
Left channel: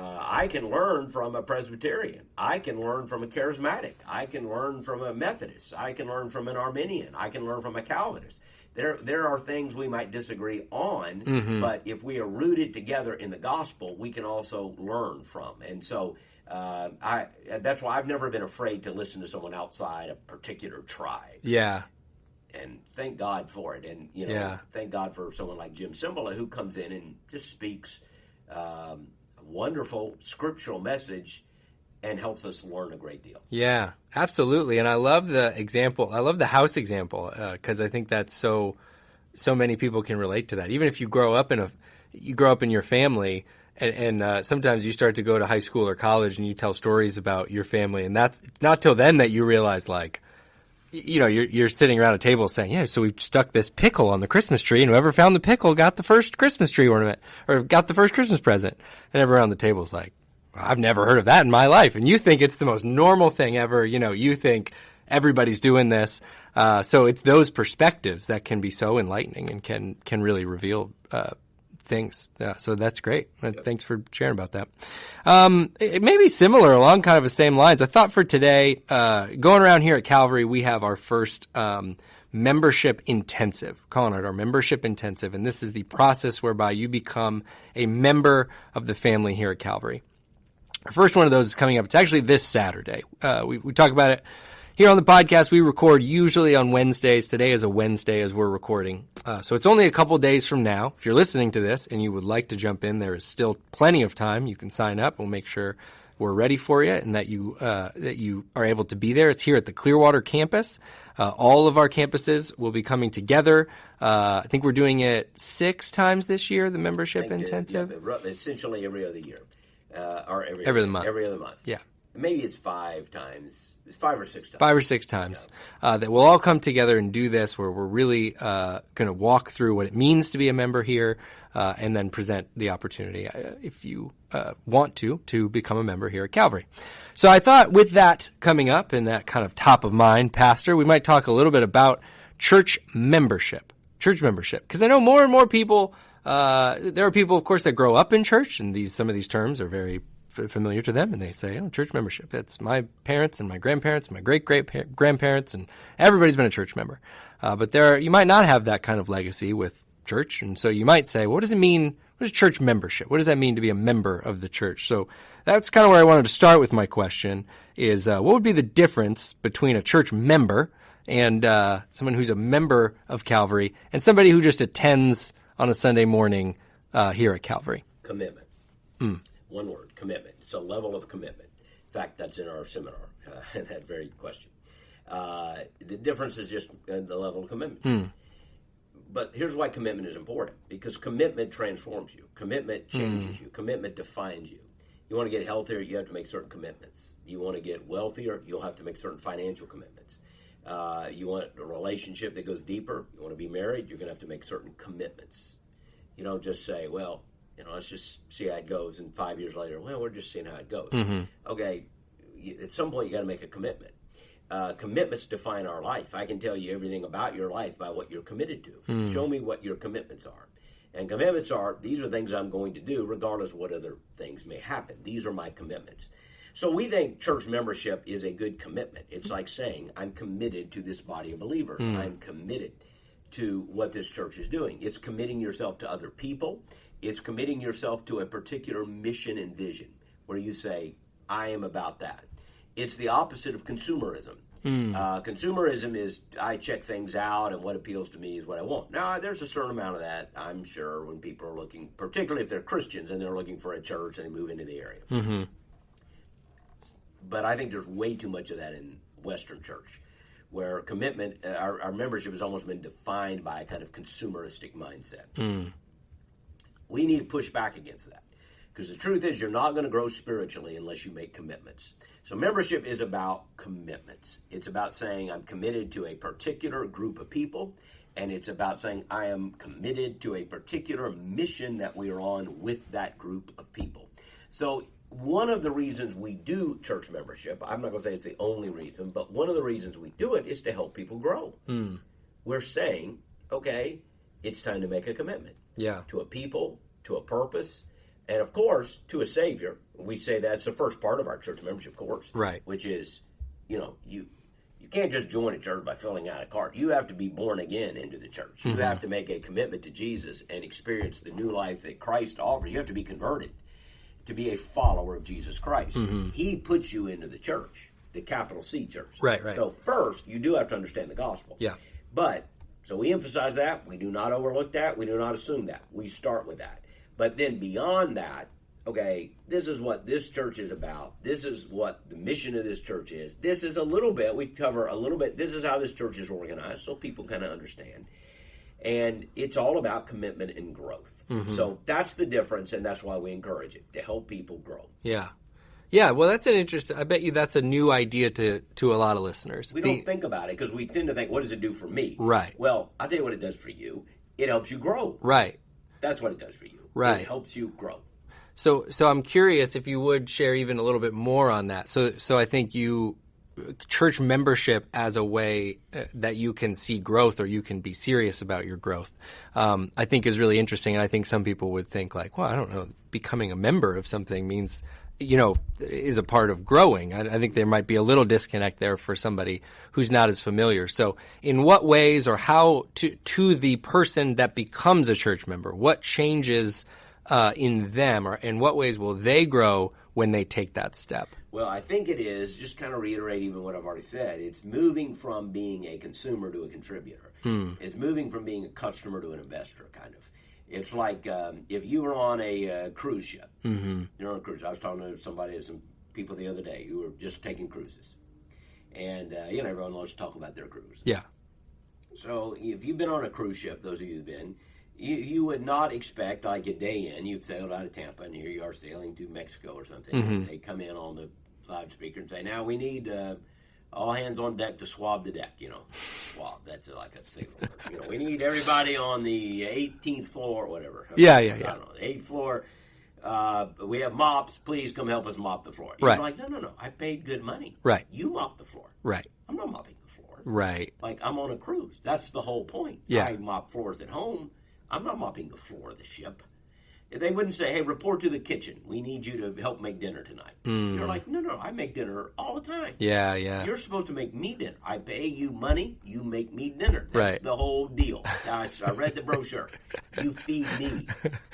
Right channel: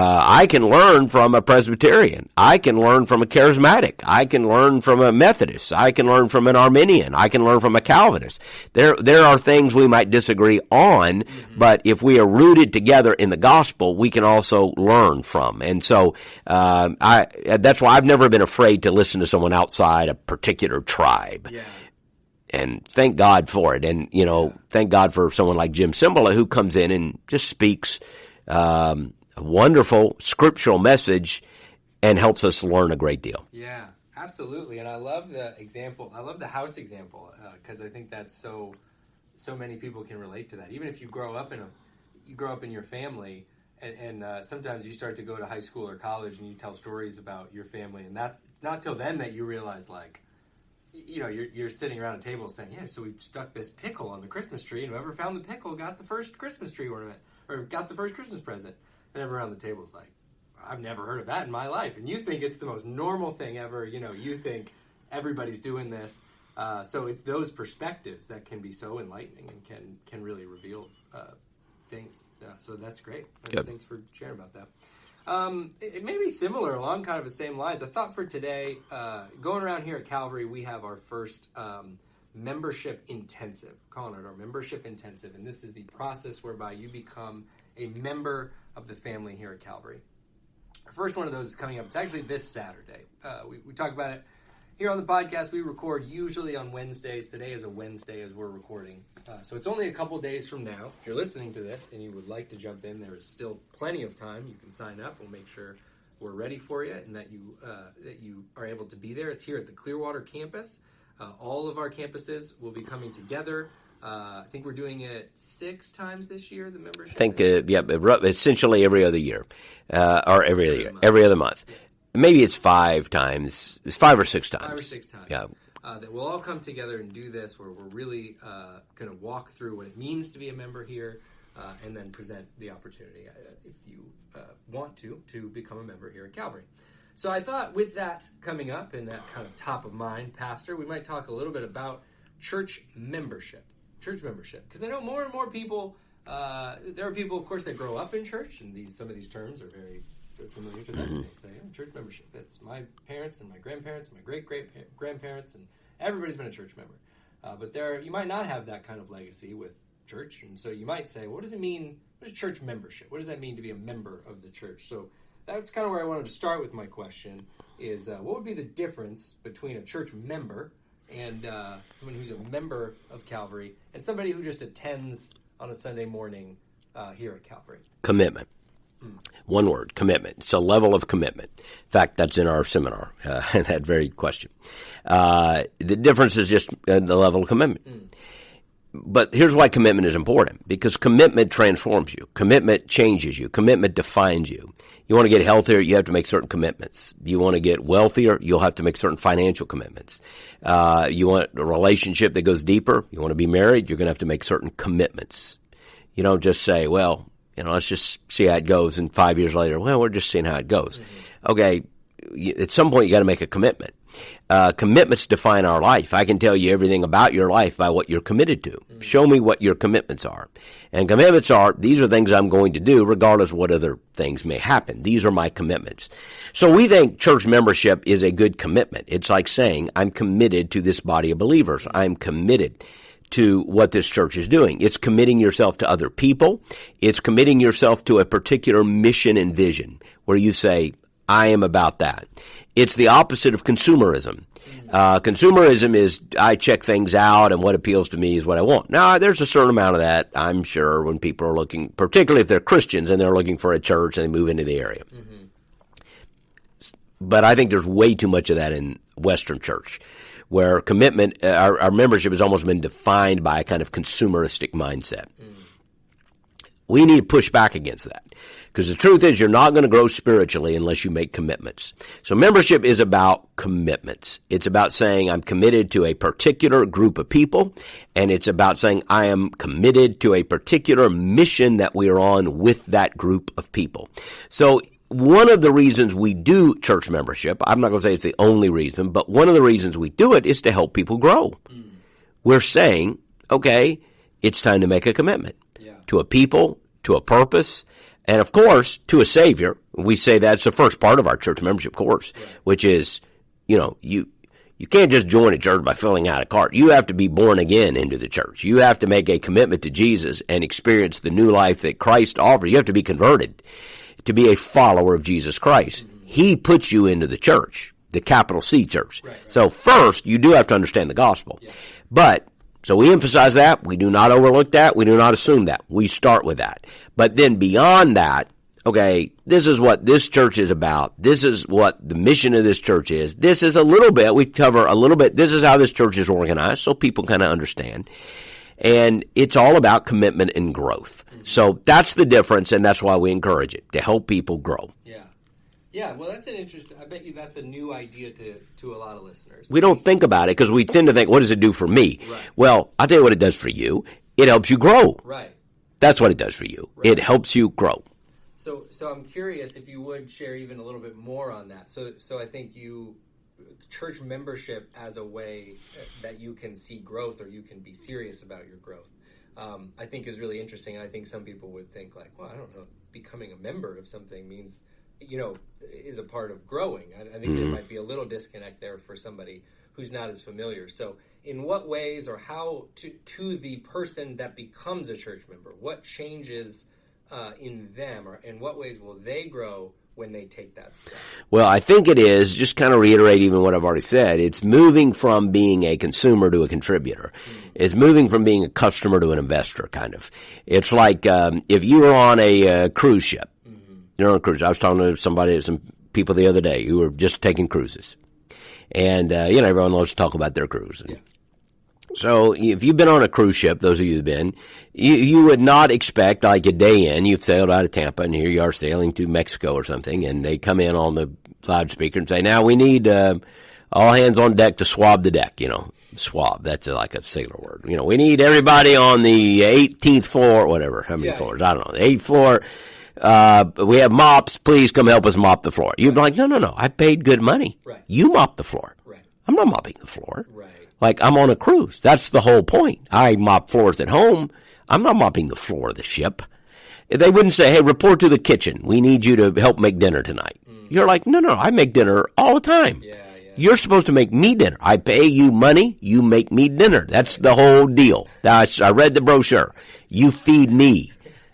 I can learn from a Presbyterian. I can learn from a Charismatic. I can learn from a Methodist. I can learn from an Arminian. I can learn from a Calvinist. There are things we might disagree on, but if we are rooted together in the gospel, we can also learn from. And so that's why I've never been afraid to listen to someone outside a particular tribe. And thank God for it. And, thank God for someone like Jim Cymbala who comes in and just speaks a wonderful scriptural message and helps us learn a great deal. Yeah, absolutely. And I love the example. I love the house example because I think that's so many people can relate to that. Even if you grow up in your family and sometimes you start to go to high school or college and you tell stories about your family, and that's it's not till then that you realize you're sitting around a table saying, so we stuck this pickle on the Christmas tree, and whoever found the pickle got the first Christmas tree ornament or got the first Christmas present. And everyone around the table is like, I've never heard of that in my life. And you think it's the most normal thing ever. You think everybody's doing this. So it's those perspectives that can be so enlightening and can really reveal things. Yeah, so that's great. Thanks for sharing about that. It may be similar, along kind of the same lines. I thought for today, going around here at Calvary, we have our first membership intensive, calling it our membership intensive, and this is the process whereby you become a member of the family here at Calvary. Our first one of those is coming up. It's actually this Saturday. We talk about it here on the podcast. We record usually on Wednesdays. Today is a Wednesday as we're recording. So it's only a couple days from now. If you're listening to this and you would like to jump in, there is still plenty of time. You can sign up. We'll make sure we're ready for you and that you are able to be there. It's here at the Clearwater campus. All of our campuses will be coming together. I think we're doing it 6 times this year, the membership intensive. Essentially every other year. Or every other month. Yeah. Maybe it's 5 times. It's 5 or 6 times. 5 or 6 times. Yeah. That we'll all come together and do this, where we're really going to walk through what it means to be a member here, and then present the opportunity, if you want to become a member here at Calvary. So I thought with that coming up and that kind of top of mind, Pastor, we might talk a little bit about church membership. Because I know more and more people, there are people, of course, that grow up in church, and some of these terms are very familiar to them, and they say, church membership. It's my parents and my grandparents and my great-great-grandparents, and everybody's been a church member. But you might not have that kind of legacy with church, and so you might say, what does it mean? What is church membership? What does that mean to be a member of the church? So that's kind of where I wanted to start with my question is, what would be the difference between a church member and someone who's a member of Calvary and somebody who just attends on a Sunday morning here at Calvary? Commitment. One word, commitment. It's a level of commitment. In fact, that's in our seminar, that very question. The difference is just the level of commitment. But here's why commitment is important, because commitment transforms you. Commitment changes you. Commitment defines you. You want to get healthier, you have to make certain commitments. You want to get wealthier, you'll have to make certain financial commitments. You want a relationship that goes deeper, you want to be married, you're going to have to make certain commitments. You don't just say, well, let's just see how it goes, and 5 years later, well, we're just seeing how it goes. Okay, at some point you got to make a commitment. Commitments define our life. I can tell you everything about your life by what you're committed to. Show me what your commitments are. And commitments are, these are things I'm going to do regardless of what other things may happen. These are my commitments. So we think church membership is a good commitment. It's like saying, I'm committed to this body of believers. I'm committed to what this church is doing. It's committing yourself to other people. It's committing yourself to a particular mission and vision where you say, I am about that. It's the opposite of consumerism. Consumerism is I check things out and what appeals to me is what I want. Now, there's a certain amount of that, I'm sure, when people are looking, particularly if they're Christians and they're looking for a church and they move into the area. But I think there's way too much of that in Western church, where commitment, our membership has almost been defined by a kind of consumeristic mindset. We need to push back against that. Because the truth is, you're not going to grow spiritually unless you make commitments. So membership is about commitments. It's about saying I'm committed to a particular group of people, and it's about saying I am committed to a particular mission that we are on with that group of people. So one of the reasons we do church membership, I'm not going to say it's the only reason, but one of the reasons we do it is to help people grow. We're saying, okay, it's time to make a commitment to a people, to a purpose, and, of course, to a Savior. We say that's the first part of our church membership course, which is, you can't just join a church by filling out a card. You have to be born again into the church. You have to make a commitment to Jesus and experience the new life that Christ offers. You have to be converted to be a follower of Jesus Christ. He puts you into the church, the capital C church. So first, you do have to understand the gospel. So we emphasize that. We do not overlook that. We do not assume that. We start with that. But then beyond that, okay, this is what this church is about. This is what the mission of this church is. This is a little bit, we cover a little bit, this is how this church is organized so people kind of understand. And it's all about commitment and growth. So that's the difference, and that's why we encourage it, to help people grow. Yeah, well, that's an interesting, I bet you that's a new idea to a lot of listeners. We don't think about it because we tend to think, what does it do for me? Well, I'll tell you what it does for you. It helps you grow. That's what it does for you. It helps you grow. So I'm curious if you would share even a little bit more on that. So I think you church membership as a way that you can see growth or you can be serious about your growth, I think is really interesting. And I think some people would think like, well, I don't know, becoming a member of something means, is a part of growing. I think there might be a little disconnect there for somebody who's not as familiar. So in what ways or how to the person that becomes a church member, what changes in them, or in what ways will they grow when they take that step? Well, I think it is, just kind of reiterate even what I've already said, it's moving from being a consumer to a contributor. It's moving from being a customer to an investor, kind of. It's like if you were on a cruise ship. You're on a cruise. I was talking to some people the other day who were just taking cruises. And, everyone loves to talk about their cruise. Yeah. So if you've been on a cruise ship, those of you who've been, you would not expect, like a day in, you've sailed out of Tampa, and here you are sailing to Mexico or something, and they come in on the loudspeaker and say, now we need all hands on deck to swab the deck, swab. That's like a sailor word. We need everybody on the 18th floor, whatever. How many floors? I don't know. The 8th floor. We have mops. Please come help us mop the floor. You're like, no. I paid good money. Right. You mop the floor. Right. I'm not mopping the floor. Right. Like, I'm on a cruise. That's the whole point. Yeah. I mop floors at home. I'm not mopping the floor of the ship. They wouldn't say, hey, report to the kitchen. We need you to help make dinner tonight. You're like, no, I make dinner all the time. Yeah. You're supposed to make me dinner. I pay you money. You make me dinner. That's the whole deal. I read the brochure. You feed me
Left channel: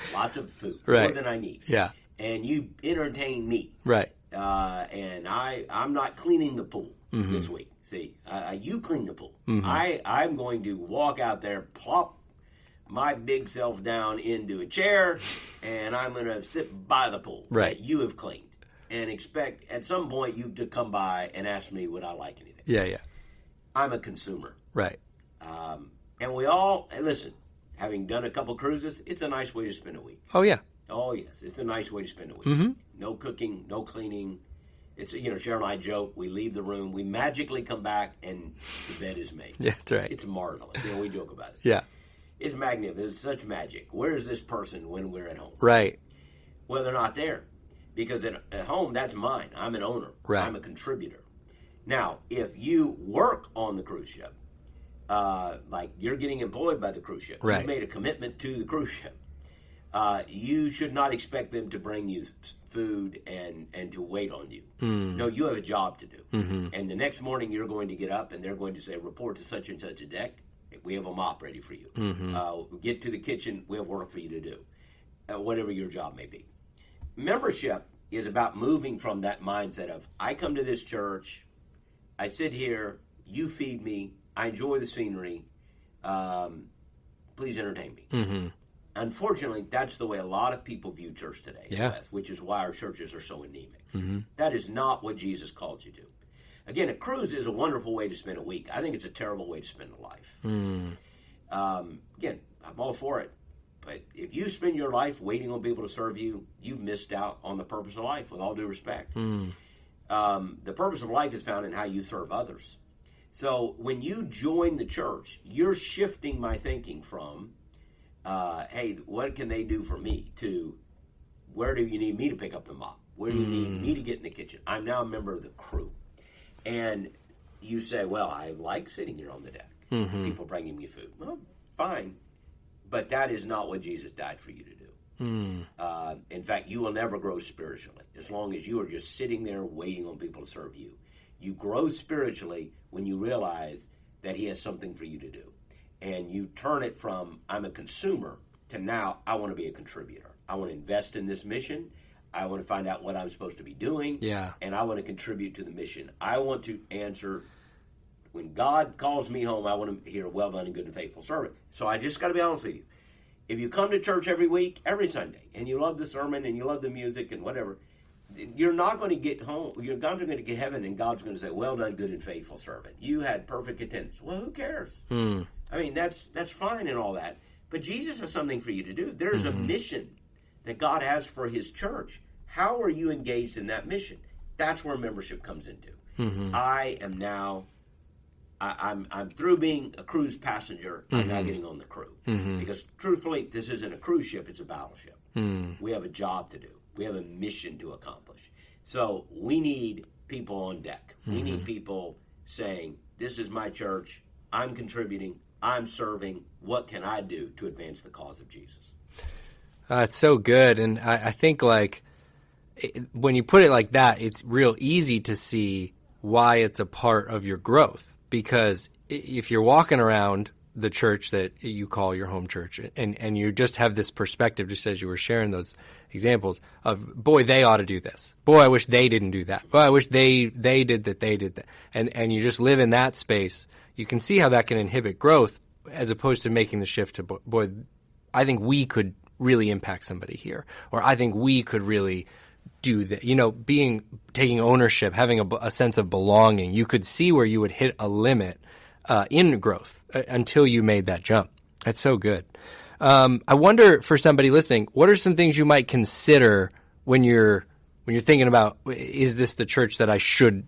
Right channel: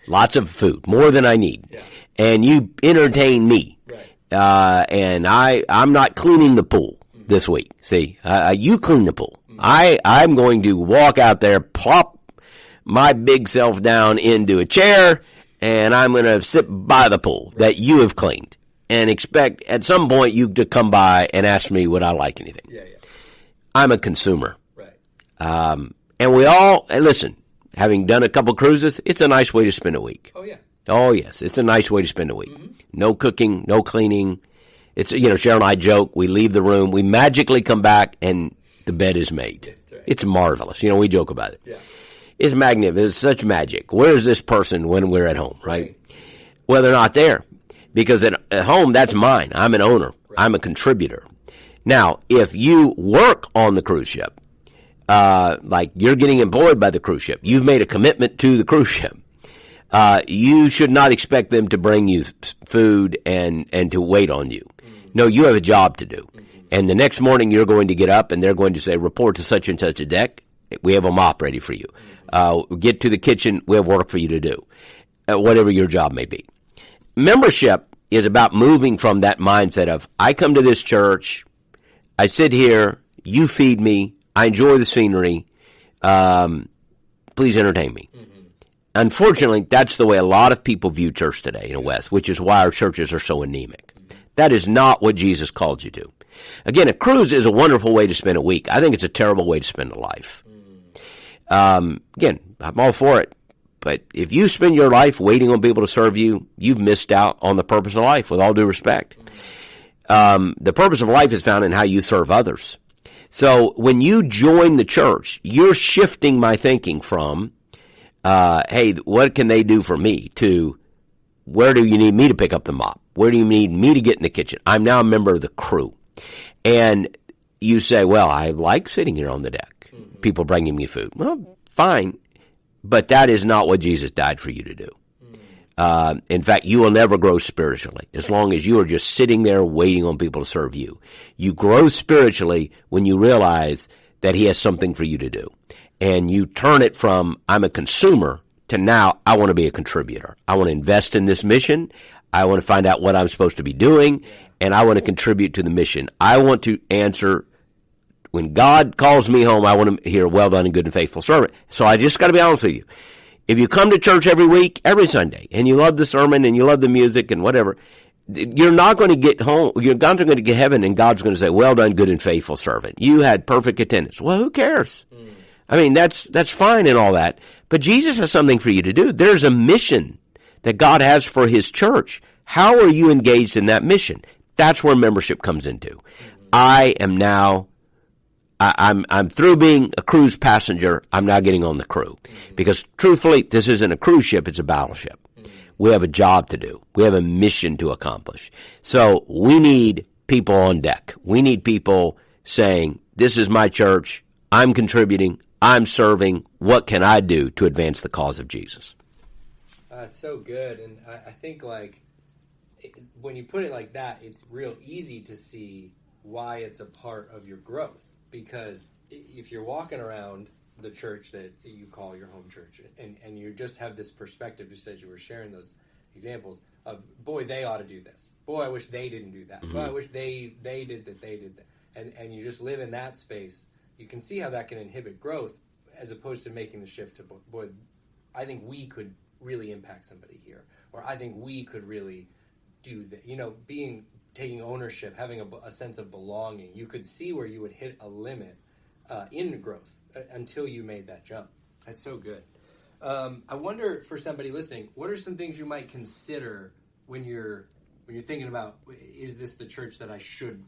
lots of food, more than I need. Yeah. And you entertain me. Right. And I'm not cleaning the pool this week. See, you clean the pool. I'm going to walk out there, plop my big self down into a chair, and I'm going to sit by the pool that you have cleaned and expect at some point you to come by and ask me would I like anything. Yeah. I'm a consumer. Right. And we all, listen, having done a couple cruises, it's a nice way to spend a week. Oh, yeah. Oh, yes. It's a nice way to spend a week. No cooking, no cleaning. It's, Cheryl and I joke, we leave the room, we magically come back, and the bed is made. Yeah, that's right. It's marvelous. We joke about it. Yeah. It's magnificent. It's such magic. Where is this person when we're at home? Right. Well, they're not there. Because at home, that's mine. I'm an owner. Right. I'm a contributor. Now, if you work on the cruise ship, like you're getting employed by the cruise ship, you've made a commitment to the cruise ship, you should not expect them to bring you food and to wait on you. No, you have a job to do. And the next morning you're going to get up and they're going to say, report to such and such a deck. We have a mop ready for you. Get to the kitchen. We have work for you to do, whatever your job may be. Membership is about moving from that mindset of, I come to this church, I sit here, you feed me, I enjoy the scenery, please entertain me. Unfortunately, that's the way a lot of people view church today in the West, which is why our churches are so anemic. That is not what Jesus called you to. Again, a cruise is a wonderful way to spend a week. I think it's a terrible way to spend a life. Again, I'm all for it. But if you spend your life waiting on people to serve you, you've missed out on the purpose of life, with all due respect. The purpose of life is found in how you serve others. So when you join the church, you're shifting my thinking from, hey, what can they do for me, to where do you need me to pick up the mop? Where do you need me to get in the kitchen? I'm now a member of the crew. And you say, well, I like sitting here on the deck. People bringing me food. Well, fine. But that is not what Jesus died for you to do. In fact, you will never grow spiritually as long as you are just sitting there waiting on people to serve you. You grow spiritually when you realize that he has something for you to do. And you turn it from, I'm a consumer, to now, I want to be a contributor. I want to invest in this mission. I want to find out what I'm supposed to be doing. And I want to contribute to the mission. I want to answer, when God calls me home, I want to hear, well done and good and faithful servant. So I just got to be honest with you. If you come to church every week, every Sunday, and you love the sermon and you love the music and whatever, you're not going to get home. You're not going to get heaven, and God's going to say, well done, good and faithful servant. You had perfect attendance. Well, who cares? I mean, that's fine and all that. But Jesus has something for you to do. There's a mission that God has for his church. How are you engaged in that mission? That's where membership comes into. I am now, I'm through being a cruise passenger. I'm now getting on the crew. Because truthfully, this isn't a cruise ship, it's a battleship. We have a job to do. We have a mission to accomplish. So we need people on deck. We need people saying, this is my church, I'm contributing, I'm serving, what can I do to advance the cause of Jesus? It's so good. And I think, like, when you put it like that, it's real easy to see why it's a part of your growth. Because if you're walking around the church that you call your home church, and you just have this perspective, just as you were sharing those examples of, boy, they ought to do this. Boy, I wish they didn't do that. Mm-hmm. Boy, I wish they did that, they did that. And you just live in that space, you can see how that can inhibit growth, as opposed to making the shift to, boy, I think we could really impact somebody here. Or I think we could really do that. Taking ownership, having a sense of belonging. You could see where you would hit a limit in growth until you made that jump. That's so good. I wonder, for somebody listening, what are some things you might consider when you're thinking about, is this the church that I should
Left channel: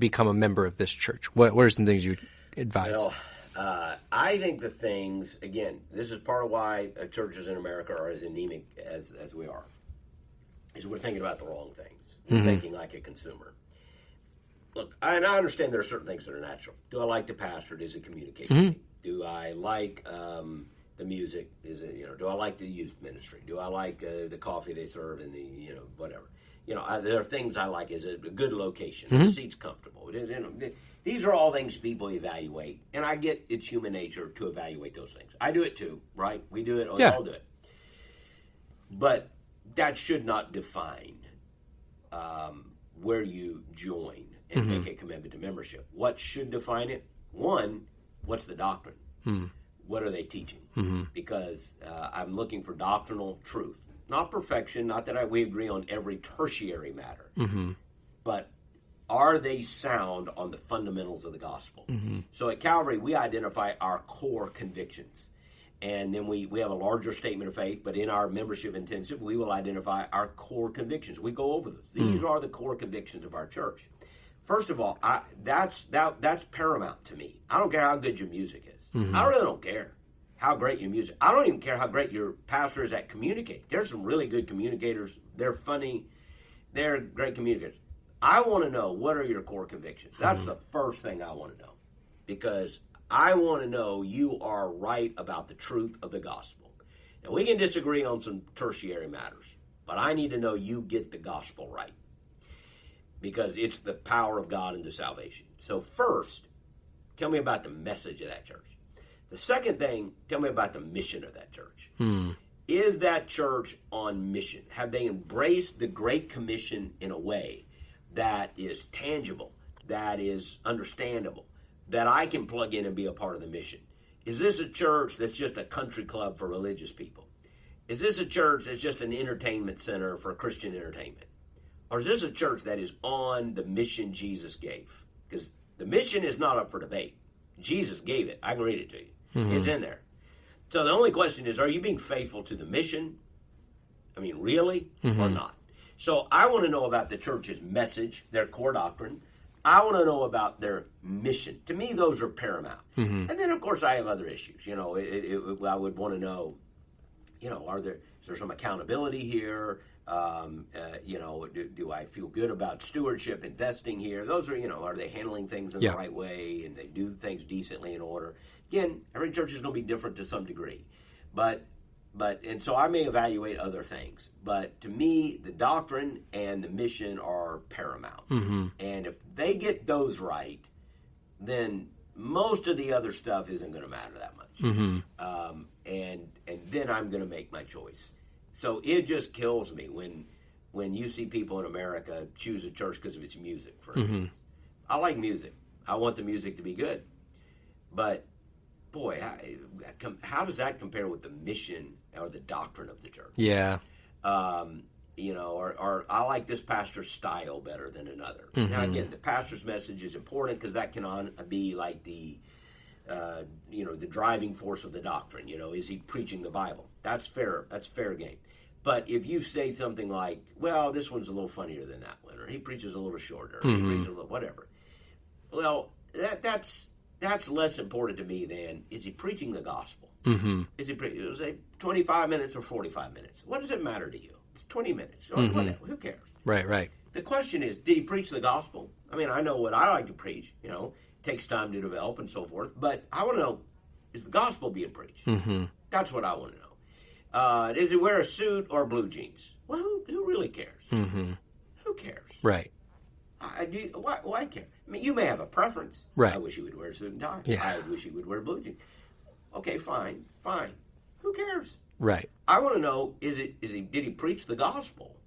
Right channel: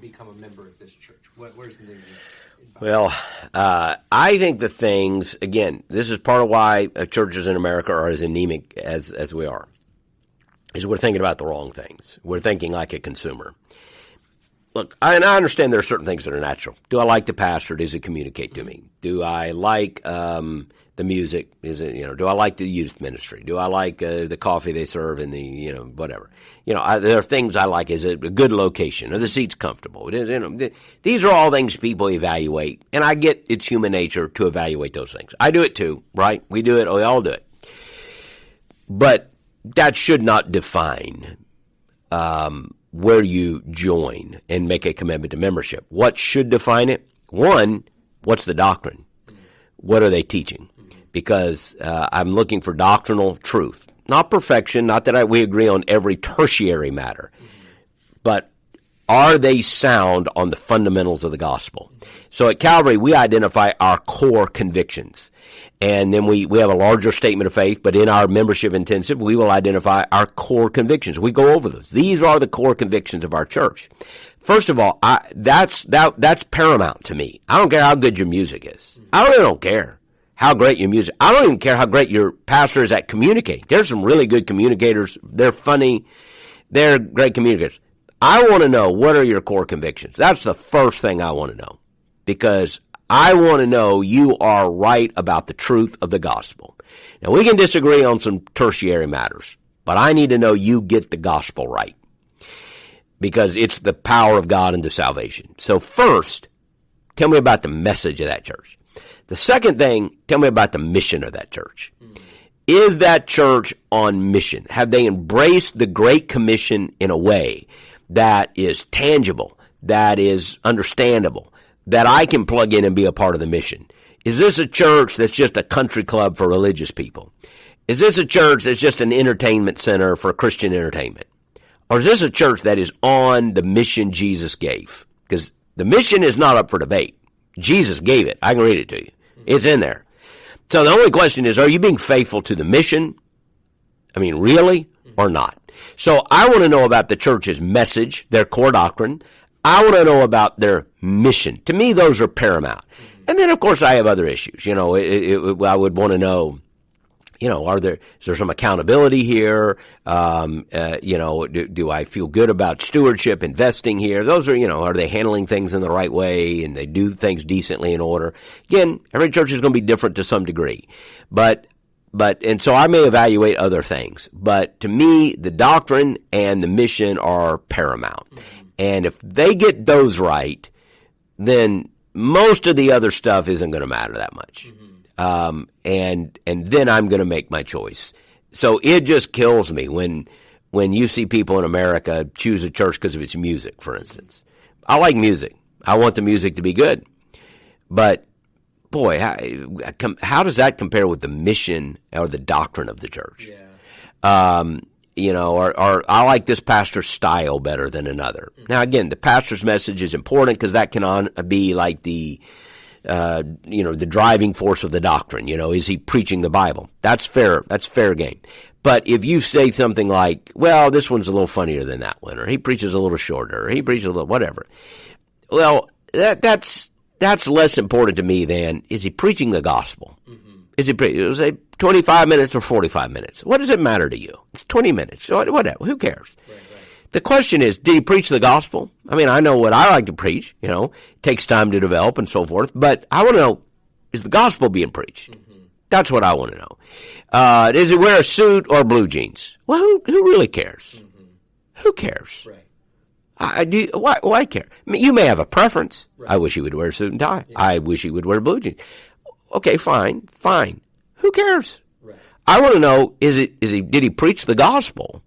become a member of this church? What are some things you advise? Well, I think the things, again, this is part of why churches in America are as anemic as we are, is we're thinking about the wrong things. We're thinking like a consumer. Look, I understand there are certain things that are natural. Do I like the pastor? Does it communicate to me? Do I like the music? Do I like the youth ministry? Do I like the coffee they serve in the, whatever? There are things I like. Is it a good location? Are the seats comfortable? These are all things people evaluate, and I get it's human nature to evaluate those things. I do it too, right? We do it. We all do it. But that should not define where you join and make a commitment to membership. What should define it? One, what's the doctrine? What are they teaching? Because I'm looking for doctrinal truth, not perfection, not that we agree on every tertiary matter, but are they sound on the fundamentals of the gospel? So at Calvary, we identify our core convictions. And then we have a larger statement of faith, but in our membership intensive, we will identify our core convictions. We go over those. These are the core convictions of our church. First of all, that's paramount to me. I don't care how good your music is. I really don't care how great your music. I don't even care how great your pastor is at communicating. There's some really good communicators. They're funny. They're great communicators. I want to know, what are your core convictions? That's the first thing I want to know, because I want to know you are right about the truth of the gospel. Now, we can disagree on some tertiary matters, but I need to know you get the gospel right, because it's the power of God into salvation. So first, tell me about the message of that church. The second thing, tell me about the mission of that church. Is that church on mission? Have they embraced the Great Commission in a way that is tangible, that is understandable, that I can plug in and be a part of the mission? Is this a church that's just a country club for religious people? Is this a church that's just an entertainment center for Christian entertainment? Or is this a church that is on the mission Jesus gave? Because the mission is not up for debate. Jesus gave it. I can read it to you. It's in there. So the only question is, are you being faithful to the mission? I mean, really, or not? So I want to know about the church's message, their core doctrine. I want to know about their mission. To me, those are paramount. And then, of course, I have other issues. I would want to know, is there some accountability here? Do I feel good about stewardship, investing here? Those are they handling things in the right way, and they do things decently in order? Again, every church is going to be different to some degree. And so I may evaluate other things. But to me, the doctrine and the mission are paramount. And if they get those right, then most of the other stuff isn't going to matter that much. And then I'm going to make my choice. So it just kills me when you see people in America choose a church because of its music, for instance. I like music. I want the music to be good. But boy, how does that compare with the mission or the doctrine of the church? Yeah. Or I like this pastor's style better than another. Now, again, the pastor's message is important because that can be like the driving force of the doctrine. Is he preaching the Bible? That's fair. That's fair game. But if you say something like, well, this one's a little funnier than that one, or he preaches a little shorter, or he preaches a little whatever, well, that's less important to me than, is he preaching the gospel? Is he 25 minutes or 45 minutes? What does it matter to you? It's 20 minutes. Whatever. Who cares? Right. The question is, did he preach the gospel? I mean, I know what I like to preach. It takes time to develop and so forth. But I want to know, is the gospel being preached? Mm-hmm. That's what I want to know. Does he wear a suit or blue jeans? Well, who really cares? Mm-hmm. Who cares? Right. Why care? I mean, you may have a preference. Right. I wish he would wear a suit and tie. Yeah. I wish he would wear blue jeans. Okay, fine. Who cares? Right. I want to know, did he preach the gospel?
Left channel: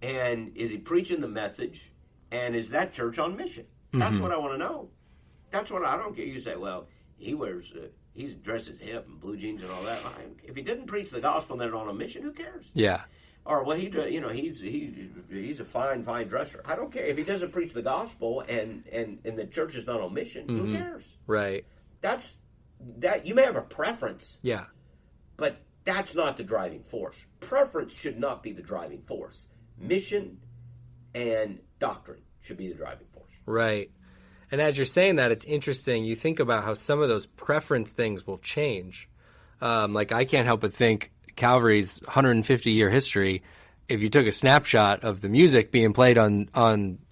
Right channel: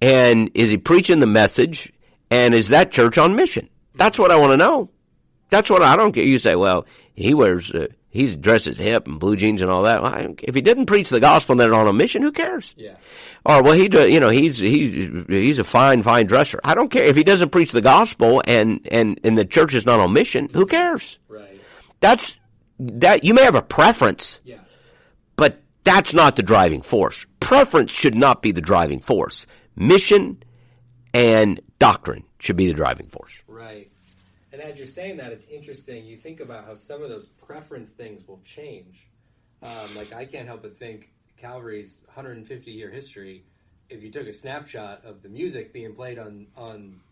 And is he preaching the message? And is that church on mission? That's what I want to know. That's what I don't care. You say, well, he dresses hip and blue jeans and all that. Well, if he didn't preach the gospel and they're on a mission, who cares? Yeah. Or well, he's a fine dresser. I don't care if he doesn't preach the gospel and the church is not on mission. Who cares? Right. That you may have a preference. Yeah. But that's not the driving force. Preference should not be the driving force. Mission and doctrine should be the driving force. Right. And as you're saying that, it's interesting. You think about how some of those preference things will change. Like I can't help but think Calvary's 150-year history, if you took a snapshot of the music being played in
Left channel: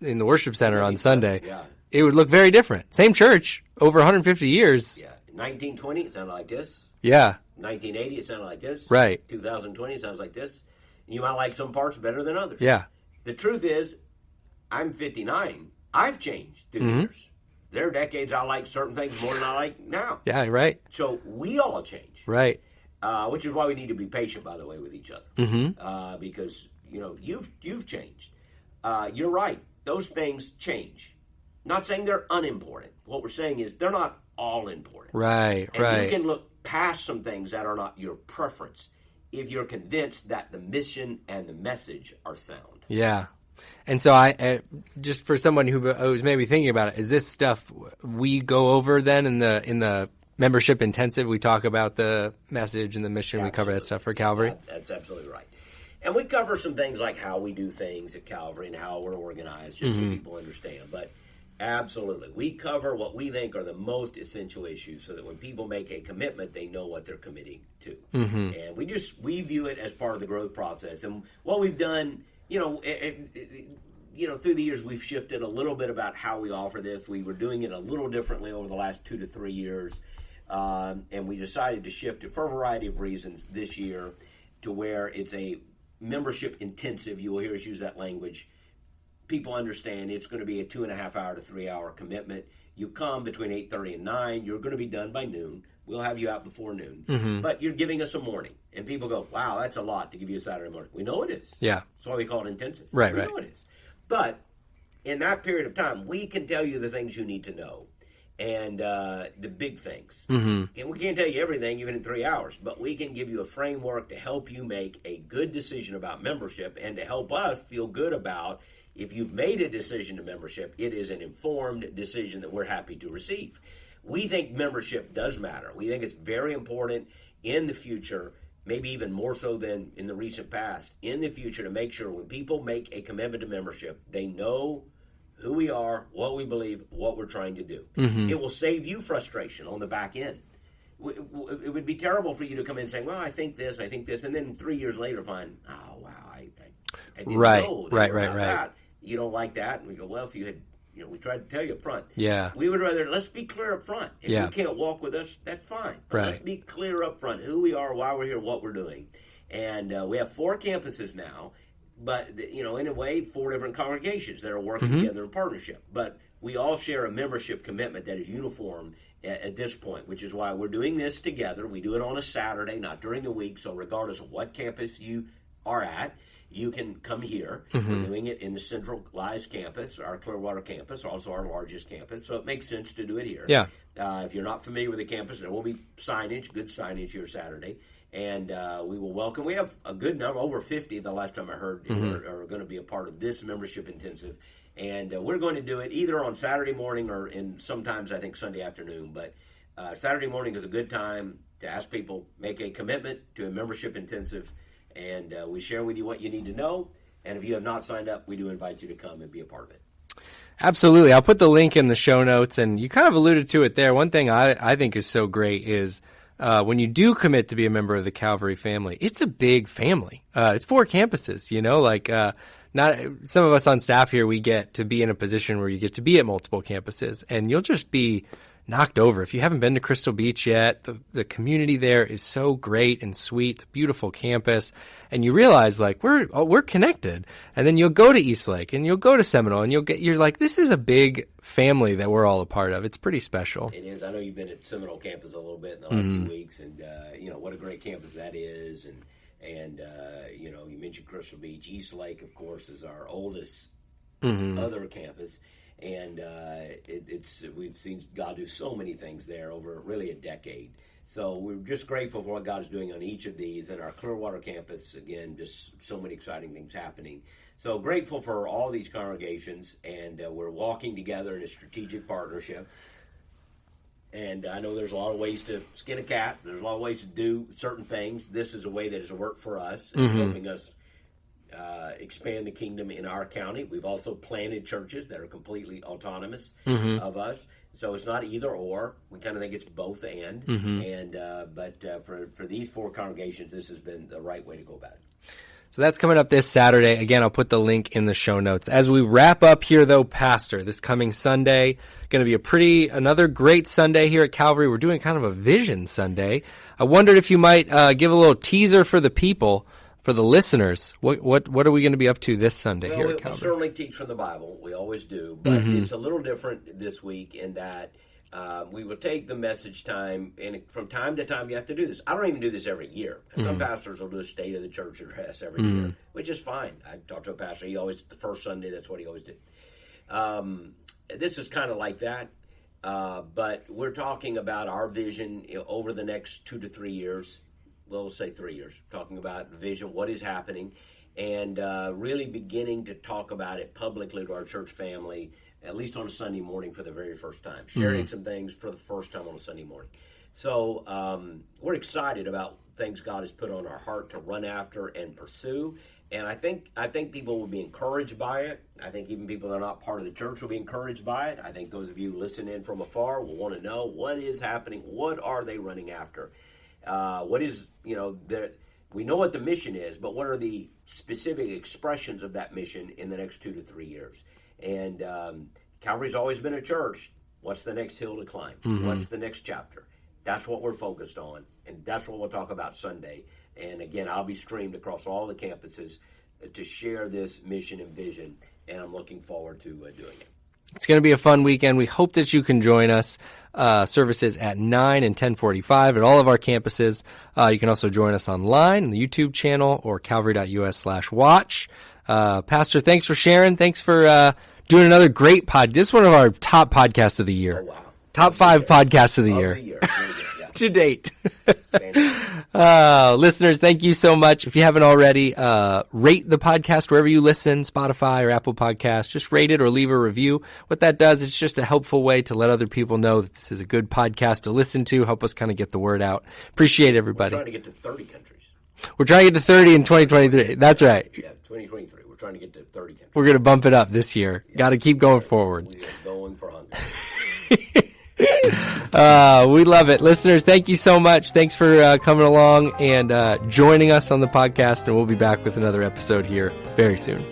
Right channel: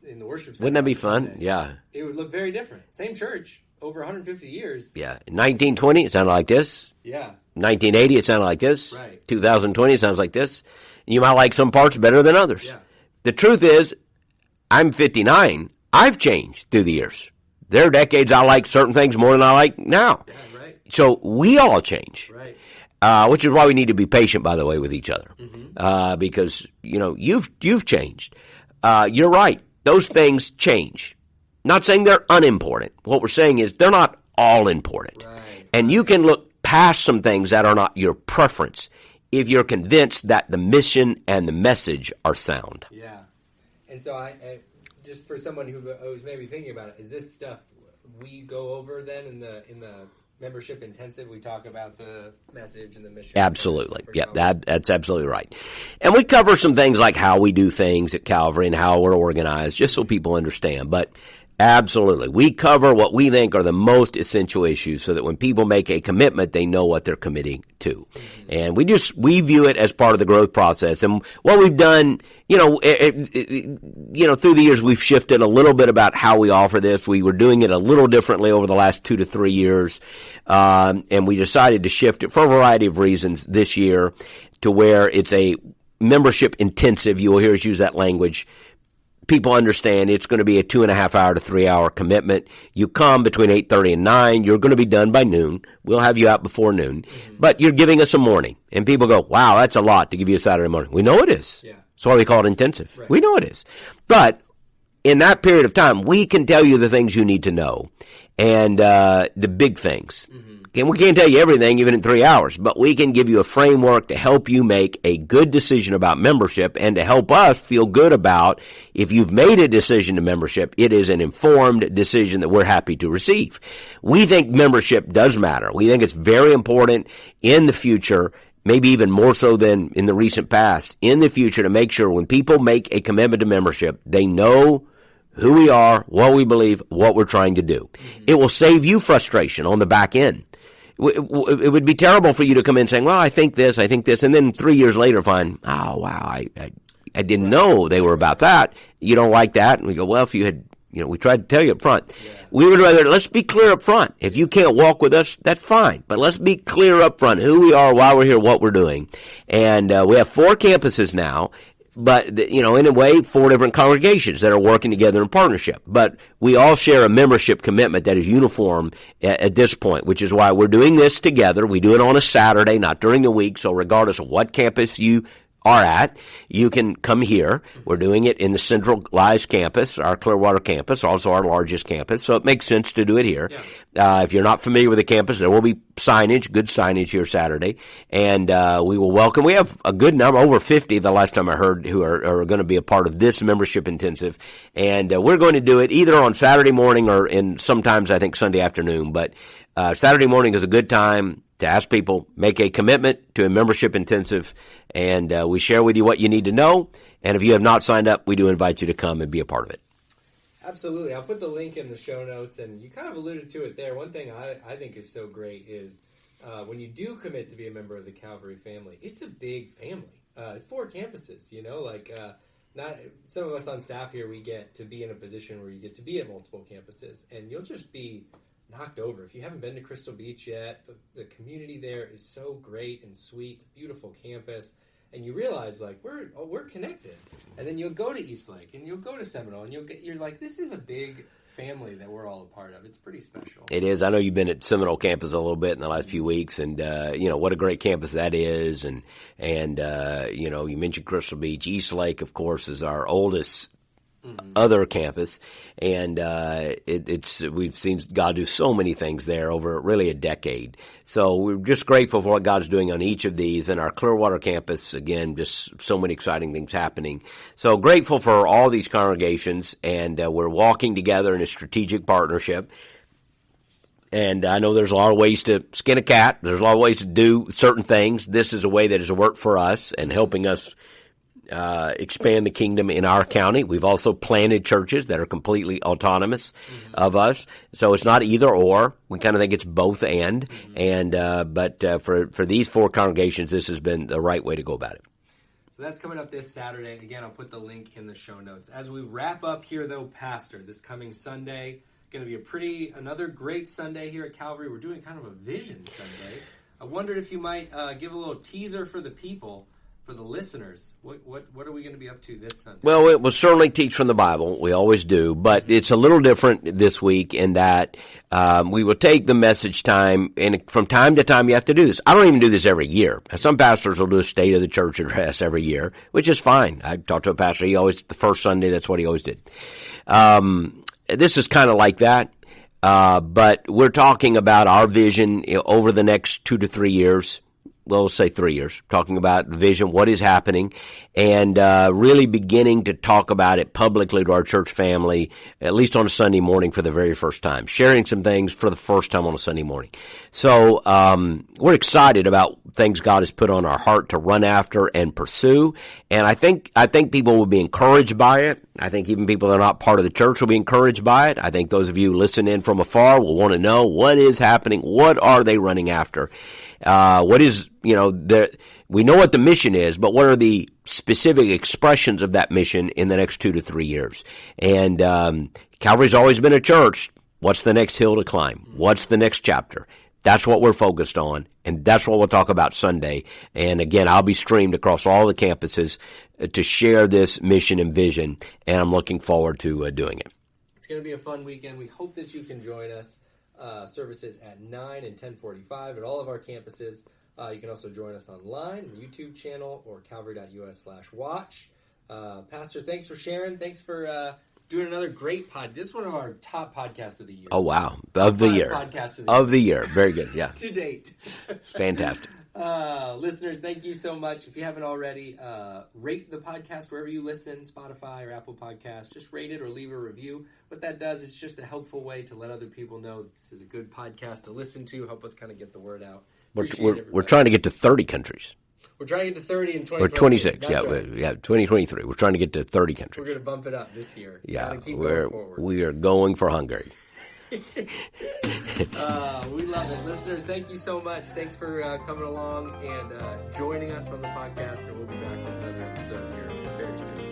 the worship center on Sunday, it would look very different. Same church, over 150 years. Yeah. In 1920, it sounded like this. Yeah. 1980, it sounded like this. Right. 2020, it sounds like this. You might like some parts better than others. Yeah. The truth is, I'm 59. I've changed through the years. There are decades I like certain things more than I like now. Yeah, right. So we all change. Right. Which is why we need to be patient, by the way, with each other. Because, you've changed. You're right. Those things change. Not saying they're unimportant. What we're saying is they're not all important. Right. And you can look past some things that are not your preference if you're convinced that the mission and the message are sound. Yeah. And so I just for someone who was maybe thinking about it, is this stuff we go over then in the membership intensive? We talk about the message and the mission. Absolutely. Stuff for Calvary. That's absolutely right. And we cover some things like how we do things at Calvary and how we're organized, just so people understand. But absolutely, we cover what we think are the most essential issues so that when people make a commitment, they know what they're committing to. And we view it as part of the growth process. And what we've done, through the years, we've shifted a little bit about how we offer this. We were doing it a little differently over the last 2 to 3 years. And we decided to shift it for a variety of reasons this year to where it's a membership intensive. You will hear us use that language. People understand it's going to be a 2.5 hour to 3 hour commitment. You come between 8:30 and 9. You're going to be done by noon. We'll have you out before noon. But you're giving us a morning. And people go, wow, that's a lot to give you a Saturday morning. We know it is. Yeah. That's why we call it intensive. Right. We know it is. But in that period of time, we can tell you the things you need to know. And the big things. And we can't tell you everything, even in 3 hours, but we can give you a framework to help you make a good decision about membership and to help us feel good about if you've made a decision to membership, it is an informed decision that we're happy to receive. We think membership does matter. We think it's very important in the future, maybe even more so than in the recent past, in the future to make sure when people make a commitment to membership, they know who we are, what we believe, what we're trying to do. It will save you frustration on the back end. It would be terrible for you to come in saying, well, I think this, and then 3 years later find, oh, wow, I didn't know they were about that. You don't like that. And we go, well, if you had, we tried to tell you up front. Yeah. We would rather, let's be clear up front. If you can't walk with us, that's fine. But let's be clear up front who we are, why we're here, what we're doing. And we have 4 campuses now. But, in a way, 4 different congregations that are working together in partnership. But we all share a membership commitment that is uniform at this point, which is why we're doing this together. We do it on a Saturday, not during the week. So regardless of what campus you are at, you can come here. We're doing it in the centralized campus, our Clearwater campus, also our largest campus. So it makes sense to do it here. Yeah. If you're not familiar with the campus, there will be signage, good signage here Saturday. And we will welcome. We have a good number, over 50 the last time I heard, who are going to be a part of this membership intensive. And we're going to do it either on Saturday morning or sometimes I think Sunday afternoon. But Saturday morning is a good time to ask people, make a commitment to a membership intensive, and we share with you what you need to know. And if you have not signed up, we do invite you to come and be a part of it. Absolutely. I'll put the link in the show notes, and you kind of alluded to it there. One thing I think is so great is when you do commit to be a member of the Calvary family, it's a big family. It's 4 campuses, not some of us on staff here, we get to be in a position where you get to be at multiple campuses, and you'll just be knocked over. If you haven't been to Crystal Beach yet, the community there is so great and sweet. It's a beautiful campus, and you realize like we're connected. And then you'll go to Eastlake and you'll go to Seminole, and you're like, this is a big family that we're all a part of. It's pretty special. It is. I know you've been at Seminole campus a little bit in the last few weeks, and what a great campus that is. And you mentioned Crystal Beach. Eastlake, of course, is our oldest other campus, and we've seen God do so many things there over really a decade. So we're just grateful for what God's doing on each of these. And our Clearwater campus, again, just so many exciting things happening. So grateful for all these congregations, and we're walking together in a strategic partnership. And I know there's a lot of ways to skin a cat. There's a lot of ways to do certain things. This is a way that has worked for us and helping us expand the kingdom in our county. We've also planted churches that are completely autonomous of us. So it's not either or. We kind of think it's both and. But for these 4 congregations, this has been the right way to go about it. So that's coming up this Saturday. Again, I'll put the link in the show notes. As we wrap up here, though, Pastor, this coming Sunday, going to be another great Sunday here at Calvary. We're doing kind of a Vision Sunday. I wondered if you might give a little teaser for the people, for the listeners. What are we going to be up to this Sunday? Well, it will certainly teach from the Bible. We always do. But it's a little different this week in that we will take the message time, and from time to time you have to do this. I don't even do this every year. Some pastors will do a State of the Church address every year, which is fine. I talked to a pastor. The first Sunday, that's what he always did. This is kind of like that. But we're talking about our vision over the next 2 to 3 years. Well, let's say 3 years, talking about the vision, what is happening, and really beginning to talk about it publicly to our church family, at least on a Sunday morning for the very first time, sharing some things for the first time on a Sunday morning. So we're excited about things God has put on our heart to run after and pursue, and I think people will be encouraged by it. I think even people that are not part of the church will be encouraged by it. I think those of you listening in from afar will want to know what is happening, what are they running after. What is, we know what the mission is, but what are the specific expressions of that mission in the next 2 to 3 years? And Calvary's always been a church. What's the next hill to climb? What's the next chapter? That's what we're focused on, and that's what we'll talk about Sunday. And again, I'll be streamed across all the campuses to share this mission and vision, and I'm looking forward to doing it. It's going to be a fun weekend. We hope that you can join us. Services at 9 and 10:45 at all of our campuses. You can also join us online on the YouTube channel or calvary.us/watch. Pastor, thanks for sharing. Thanks for doing another great pod. This is one of our top podcasts of the year. Oh, wow. Top 5 podcasts of the year. Of the year. Very good, yeah. To date. Fantastic. Listeners, thank you so much. If you haven't already, rate the podcast wherever you listen, Spotify or Apple Podcasts. Just rate it or leave a review. What that does, it's just a helpful way to let other people know that this is a good podcast to listen to, help us kind of get the word out. Appreciate everybody. We're trying to get to 30 countries. We're trying to get to 30 in 2023. That's right. Yeah, 2023. We're trying to get to 30 countries. We're going to bump it up this year. Yeah, got to keep going forward. We are going for Hungary. We love it. Listeners, thank you so much. Thanks for coming along and joining us on the podcast, and we'll be back with another episode here very soon.